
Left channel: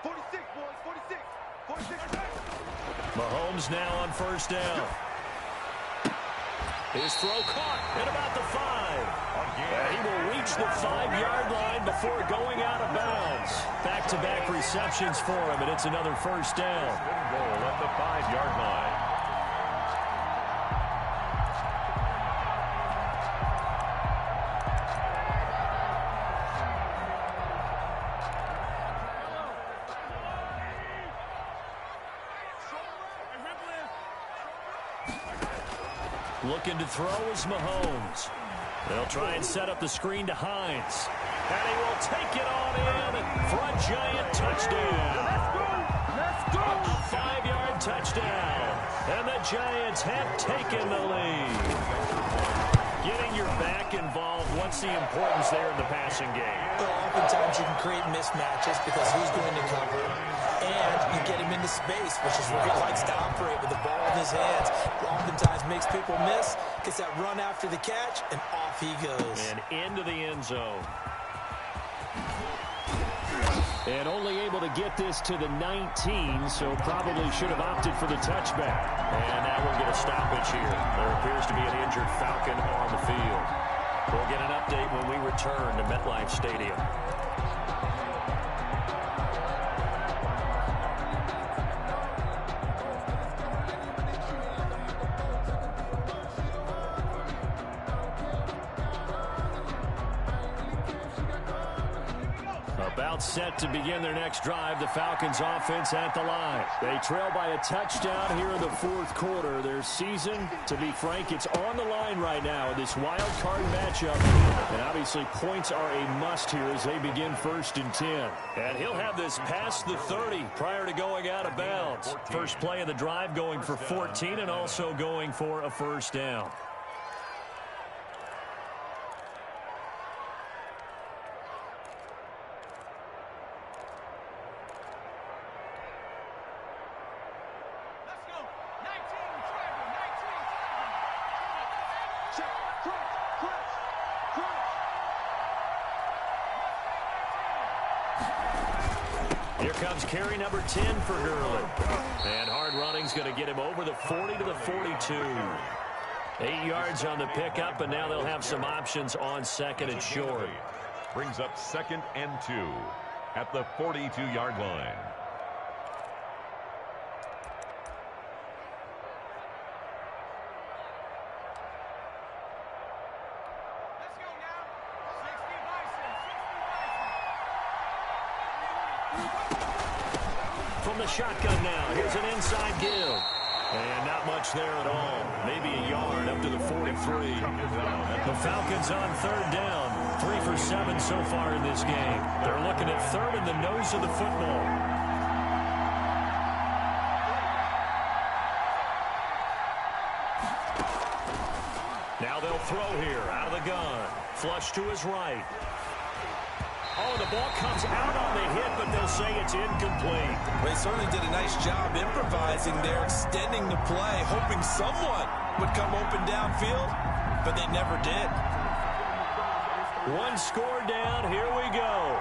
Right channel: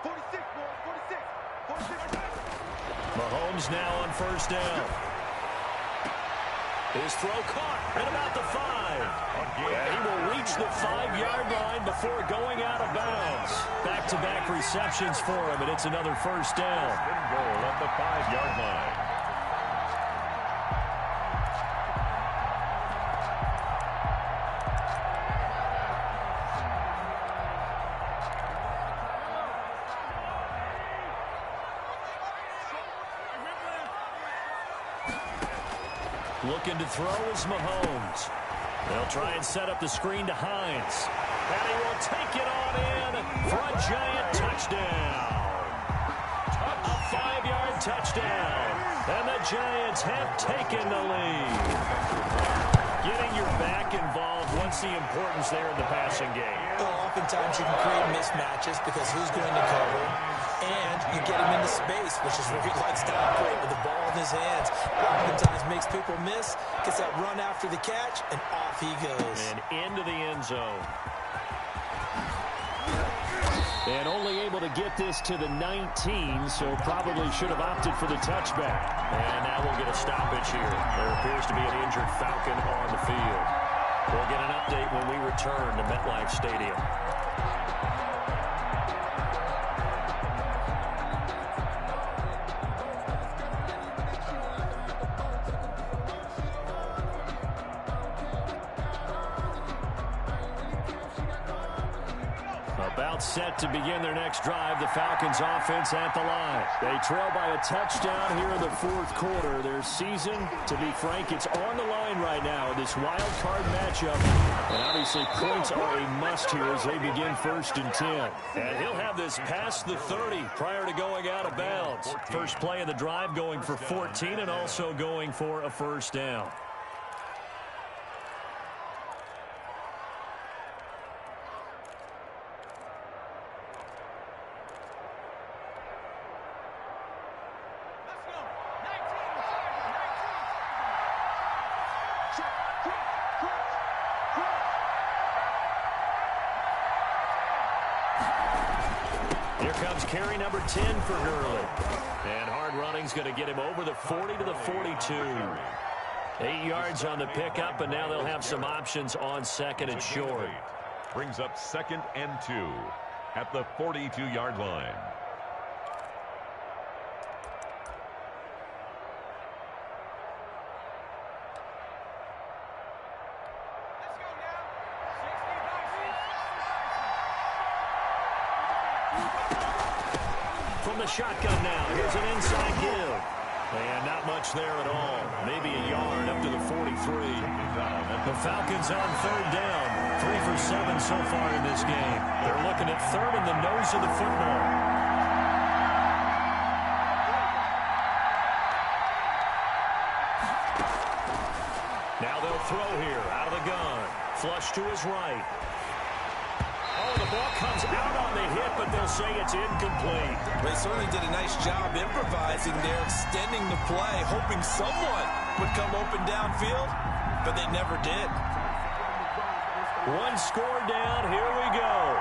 46, boys. 46. 46. Mahomes now on first down. His throw caught at about the 5. And he will reach the 5-yard line before going out of bounds. Back-to-back receptions for him, and it's another first down. Goal at the 5-yard line. Looking to throw is Mahomes. They'll try and set up the screen to Hines. And he will take it on in for a Giant touchdown. A 5-yard touchdown. And the Giants have taken the lead. Getting your back involved, what's the importance there in the passing game? Well, oftentimes you can create mismatches because who's going to cover, and you get him into space, which is where he likes to operate with the ball in his hands. Oftentimes makes people miss, gets that run after the catch, and off he goes. And into the end zone. And only able to get this to the 19, so probably should have opted for the touchback. And now we'll get a stoppage here. There appears to be an injured Falcon on the field. We'll get an update when we return to MetLife Stadium. About set to begin their next drive, the Falcons offense at the line. They trail by a touchdown here in the fourth quarter. Their season, to be frank, it's on the line right now in this wild card matchup. And obviously points are a must here as they begin 1st and 10. And he'll have this past the 30 prior to going out of bounds. First play of the drive going for 14 and also going for a first down. Here comes carry number 10 for Gurley. And hard running's going to get him over the 40 to the 42. 8 yards on the pickup, and now they'll have some options on 2nd and short. Brings up 2nd and 2 at the 42-yard line. From the shotgun now, here's an inside give. And not much there at all. Maybe a yard up to the 43. The Falcons on 3rd down. 3 for 7 so far in this game. They're looking at 3rd in the nose of the football. Now they'll throw here out of the gun. Flush to his right. Oh, the ball comes out on the hit, but they'll say it's incomplete. They certainly did a nice job improvising there, extending the play, hoping someone would come open downfield, but they never did. One score down. Here we go.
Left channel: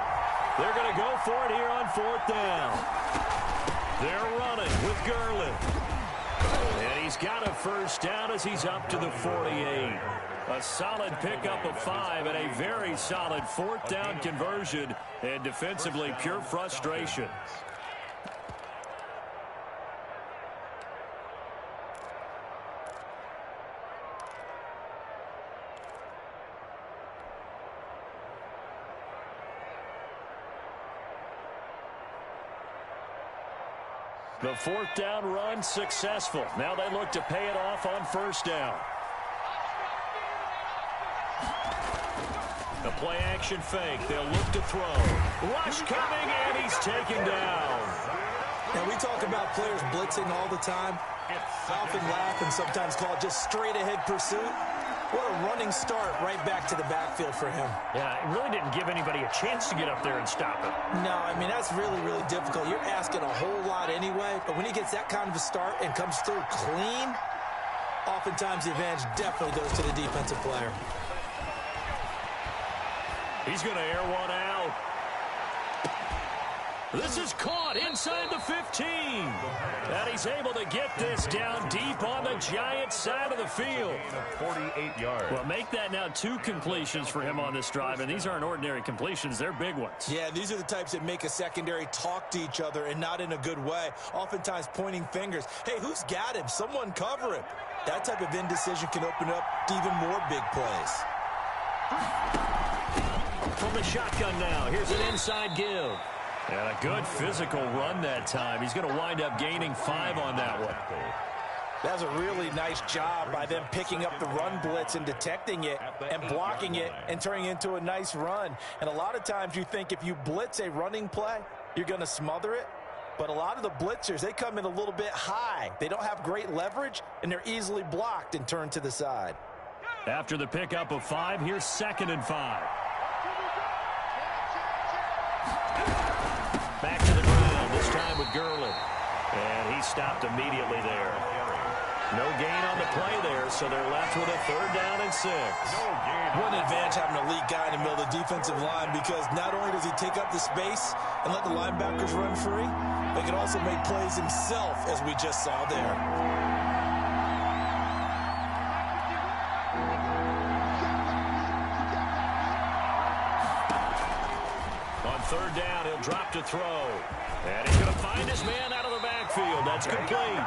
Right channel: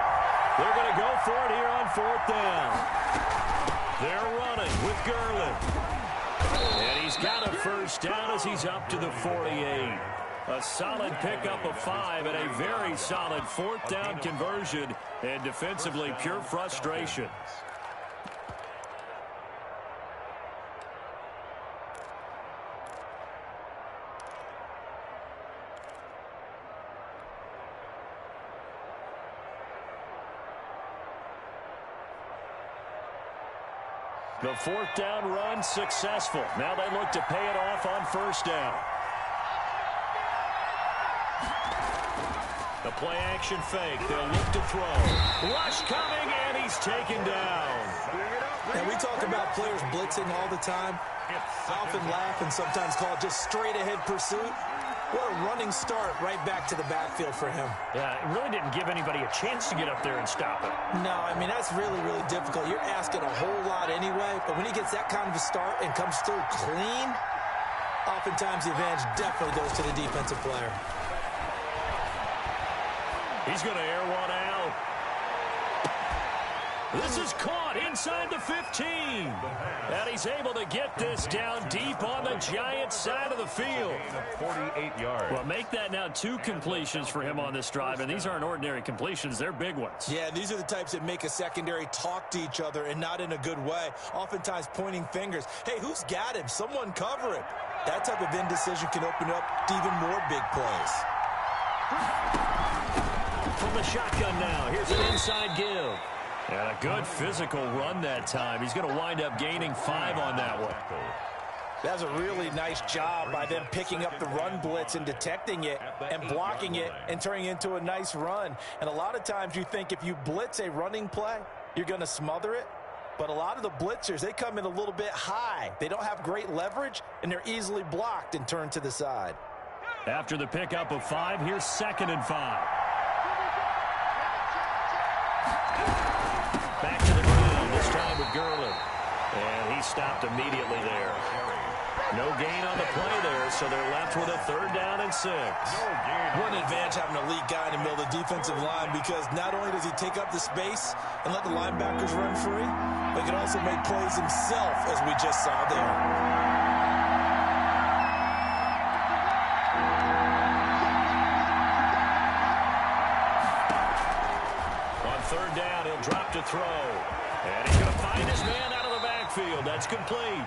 They're going to go for it here on 4th down. They're running with Gurley. And he's got a first down as he's up to the 48. A solid pickup of 5 and a very solid 4th down conversion, and defensively pure frustration. The 4th down run successful. Now they look to pay it off on 1st down. The play action fake. They'll look to throw. Rush coming, and he's taken down. Now, we talk about players blitzing all the time. I often laugh and sometimes call it just straight ahead pursuit. What a running start right back to the backfield for him. Yeah, it really didn't give anybody a chance to get up there and stop him. No, I mean, that's really, really difficult. You're asking a whole lot anyway, but when he gets that kind of a start and comes through clean, oftentimes the advantage definitely goes to the defensive player. He's going to air one out. This is caught inside the 15. And he's able to get this down deep on the Giants' side of the field. 48 yards. Well, make that now 2 completions for him on this drive, and these aren't ordinary completions. They're big ones. Yeah, these are the types that make a secondary talk to each other and not in a good way. Oftentimes pointing fingers. Hey, who's got him? Someone cover him. That type of indecision can open up to even more big plays. From the shotgun now, here's an inside give. And a good physical run that time. He's going to wind up gaining 5 on that one. That's a really nice job by them picking up the run blitz and detecting it and blocking it and turning it into a nice run. And a lot of times you think if you blitz a running play, you're going to smother it. But a lot of the blitzers, they come in a little bit high. They don't have great leverage, and they're easily blocked and turned to the side. After the pickup of 5, here's 2nd and 5. Back to the ground, this time with Gurley. And he stopped immediately there. No gain on the play there, so they're left with a 3rd down and 6. What an advantage having a elite guy in the middle of the defensive line, because not only does he take up the space and let the linebackers run free, but he can also make plays himself, as we just saw there. On 3rd down, he'll drop to throw. And he's going to find his man out of the backfield. That's complete.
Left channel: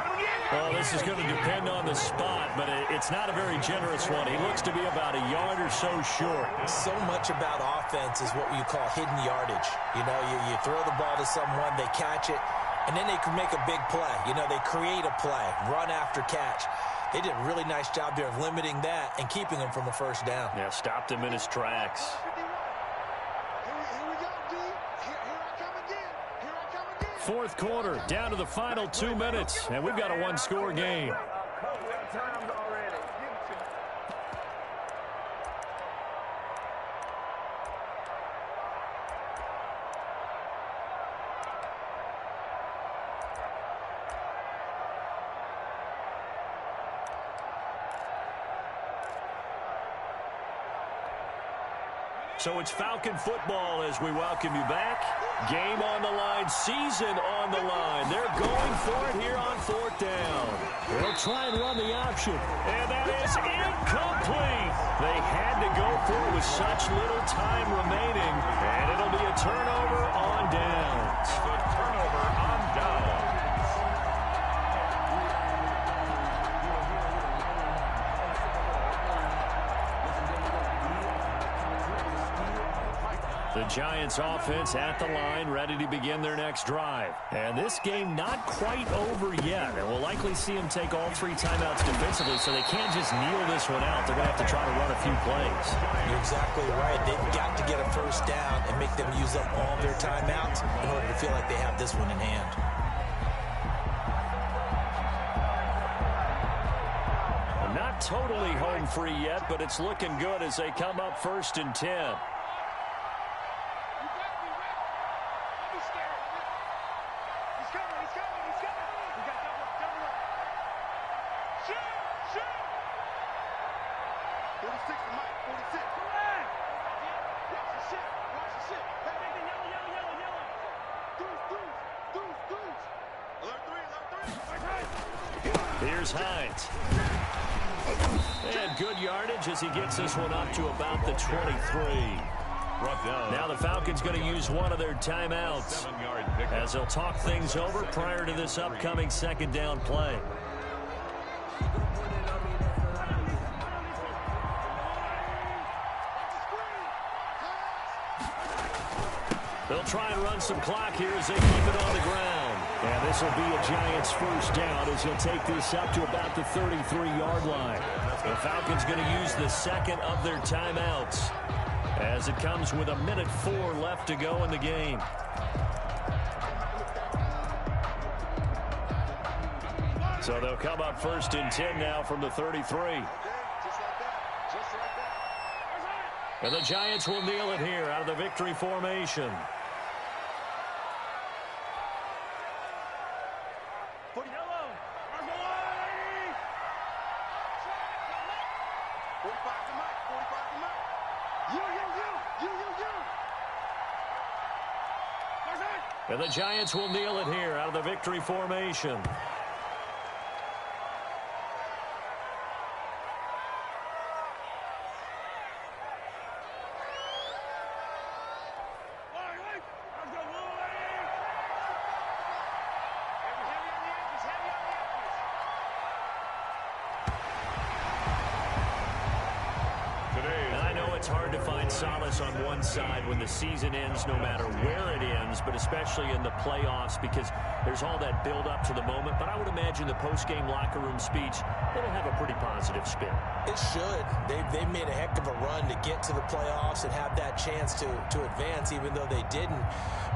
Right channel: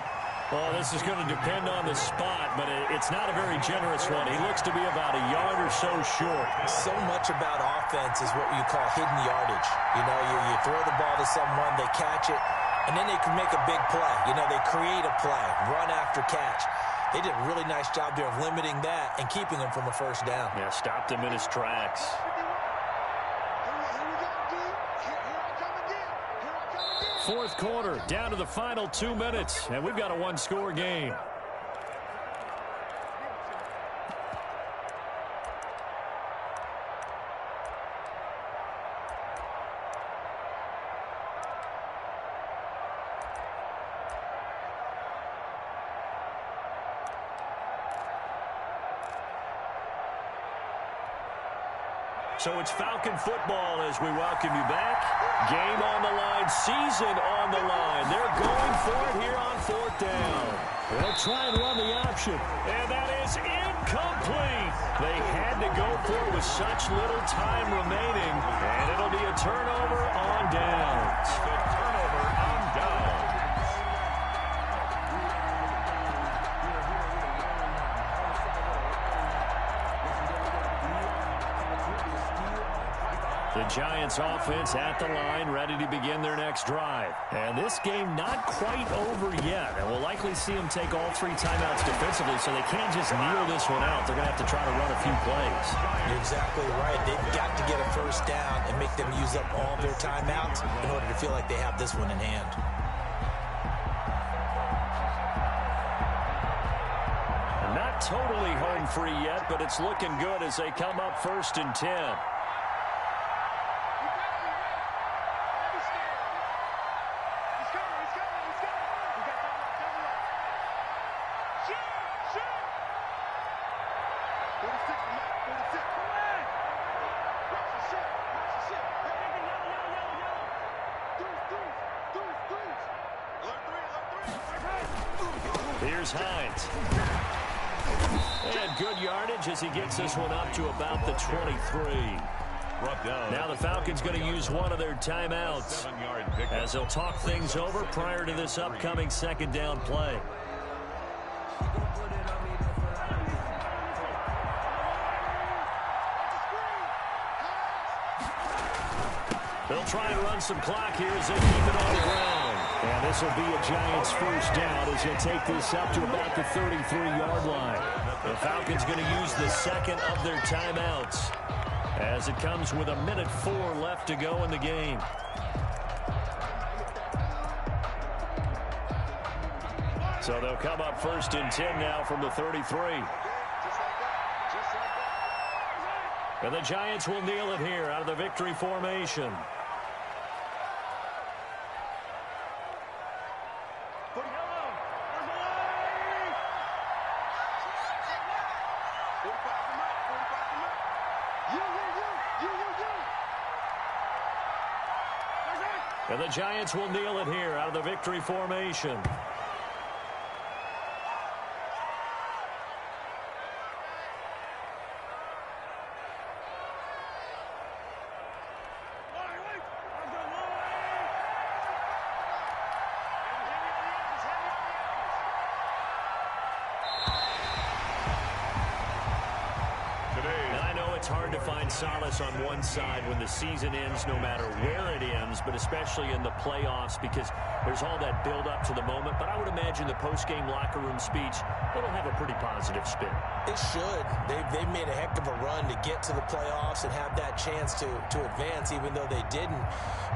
Well, this is going to depend on the spot, but it's not a very generous one. He looks to be about a yard or so short. So much about offense is what you call hidden yardage. You know, you throw the ball to someone, they catch it, and then they can make a big play. You know, they create a play, run after catch. They did a really nice job there of limiting that and keeping him from a 1st down. Yeah, stopped him in his tracks. Fourth quarter, down to the final 2 minutes, and we've got a 1-score game. So it's Falcon football as we welcome you back. Game on the line, season on the line. They're going for it here on 4th down. They'll try and run the option. And that is incomplete. They had to go for it with such little time remaining. And it'll be a turnover on downs. The turnover on downs. The Giants offense at the line, ready to begin their next drive. And this game not quite over yet. And we'll likely see them take all 3 timeouts defensively, so they can't just kneel this one out. They're going to have to try to run a few plays. You're exactly right. They've got to get a 1st down and make them use up all their timeouts in order to feel like they have this one in hand. Not totally home free yet, but it's looking good as they come up 1st and 10. Here's Hines. And good yardage as he gets this one up to about the 23. Now the Falcons going to use one of their timeouts as they'll talk things over prior to this upcoming 2nd down play. They'll try and run some clock here as they keep it on the ground. And this will be a Giants 1st down as he'll take this up to about the 33-yard line. The Falcons going to use the 2nd of their timeouts as it comes with 1:04 left to go in the game. So they'll come up 1st and 10 now from the 33. And the Giants will kneel it here out of the victory formation. And the Giants will kneel it here out of the victory formation. It's hard to find solace on one side when the season ends, no matter where it ends, but especially in the playoffs, because there's all that build up to the moment. But I would imagine the post-game locker room speech, it'll have a pretty positive spin. It should. They've made a heck of a run to get to the playoffs and have that chance to advance, even though they didn't.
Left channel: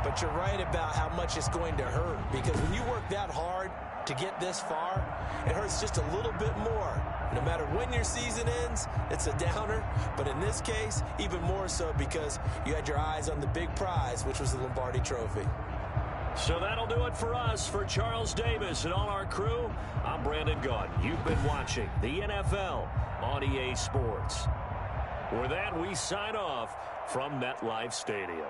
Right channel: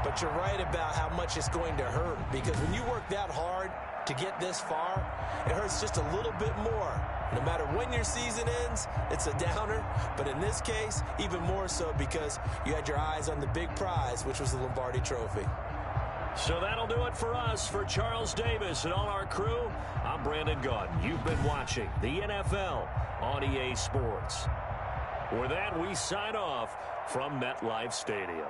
But you're right about how much it's going to hurt, because when you work that hard to get this far, it hurts just a little bit more No matter when your season ends, it's a downer. But in this case, even more so because you had your eyes on the big prize, which was the Lombardi Trophy. So that'll do it for us. For Charles Davis and all our crew, I'm Brandon Gaudin. You've been watching the NFL on EA Sports. With that, we sign off from MetLife Stadium.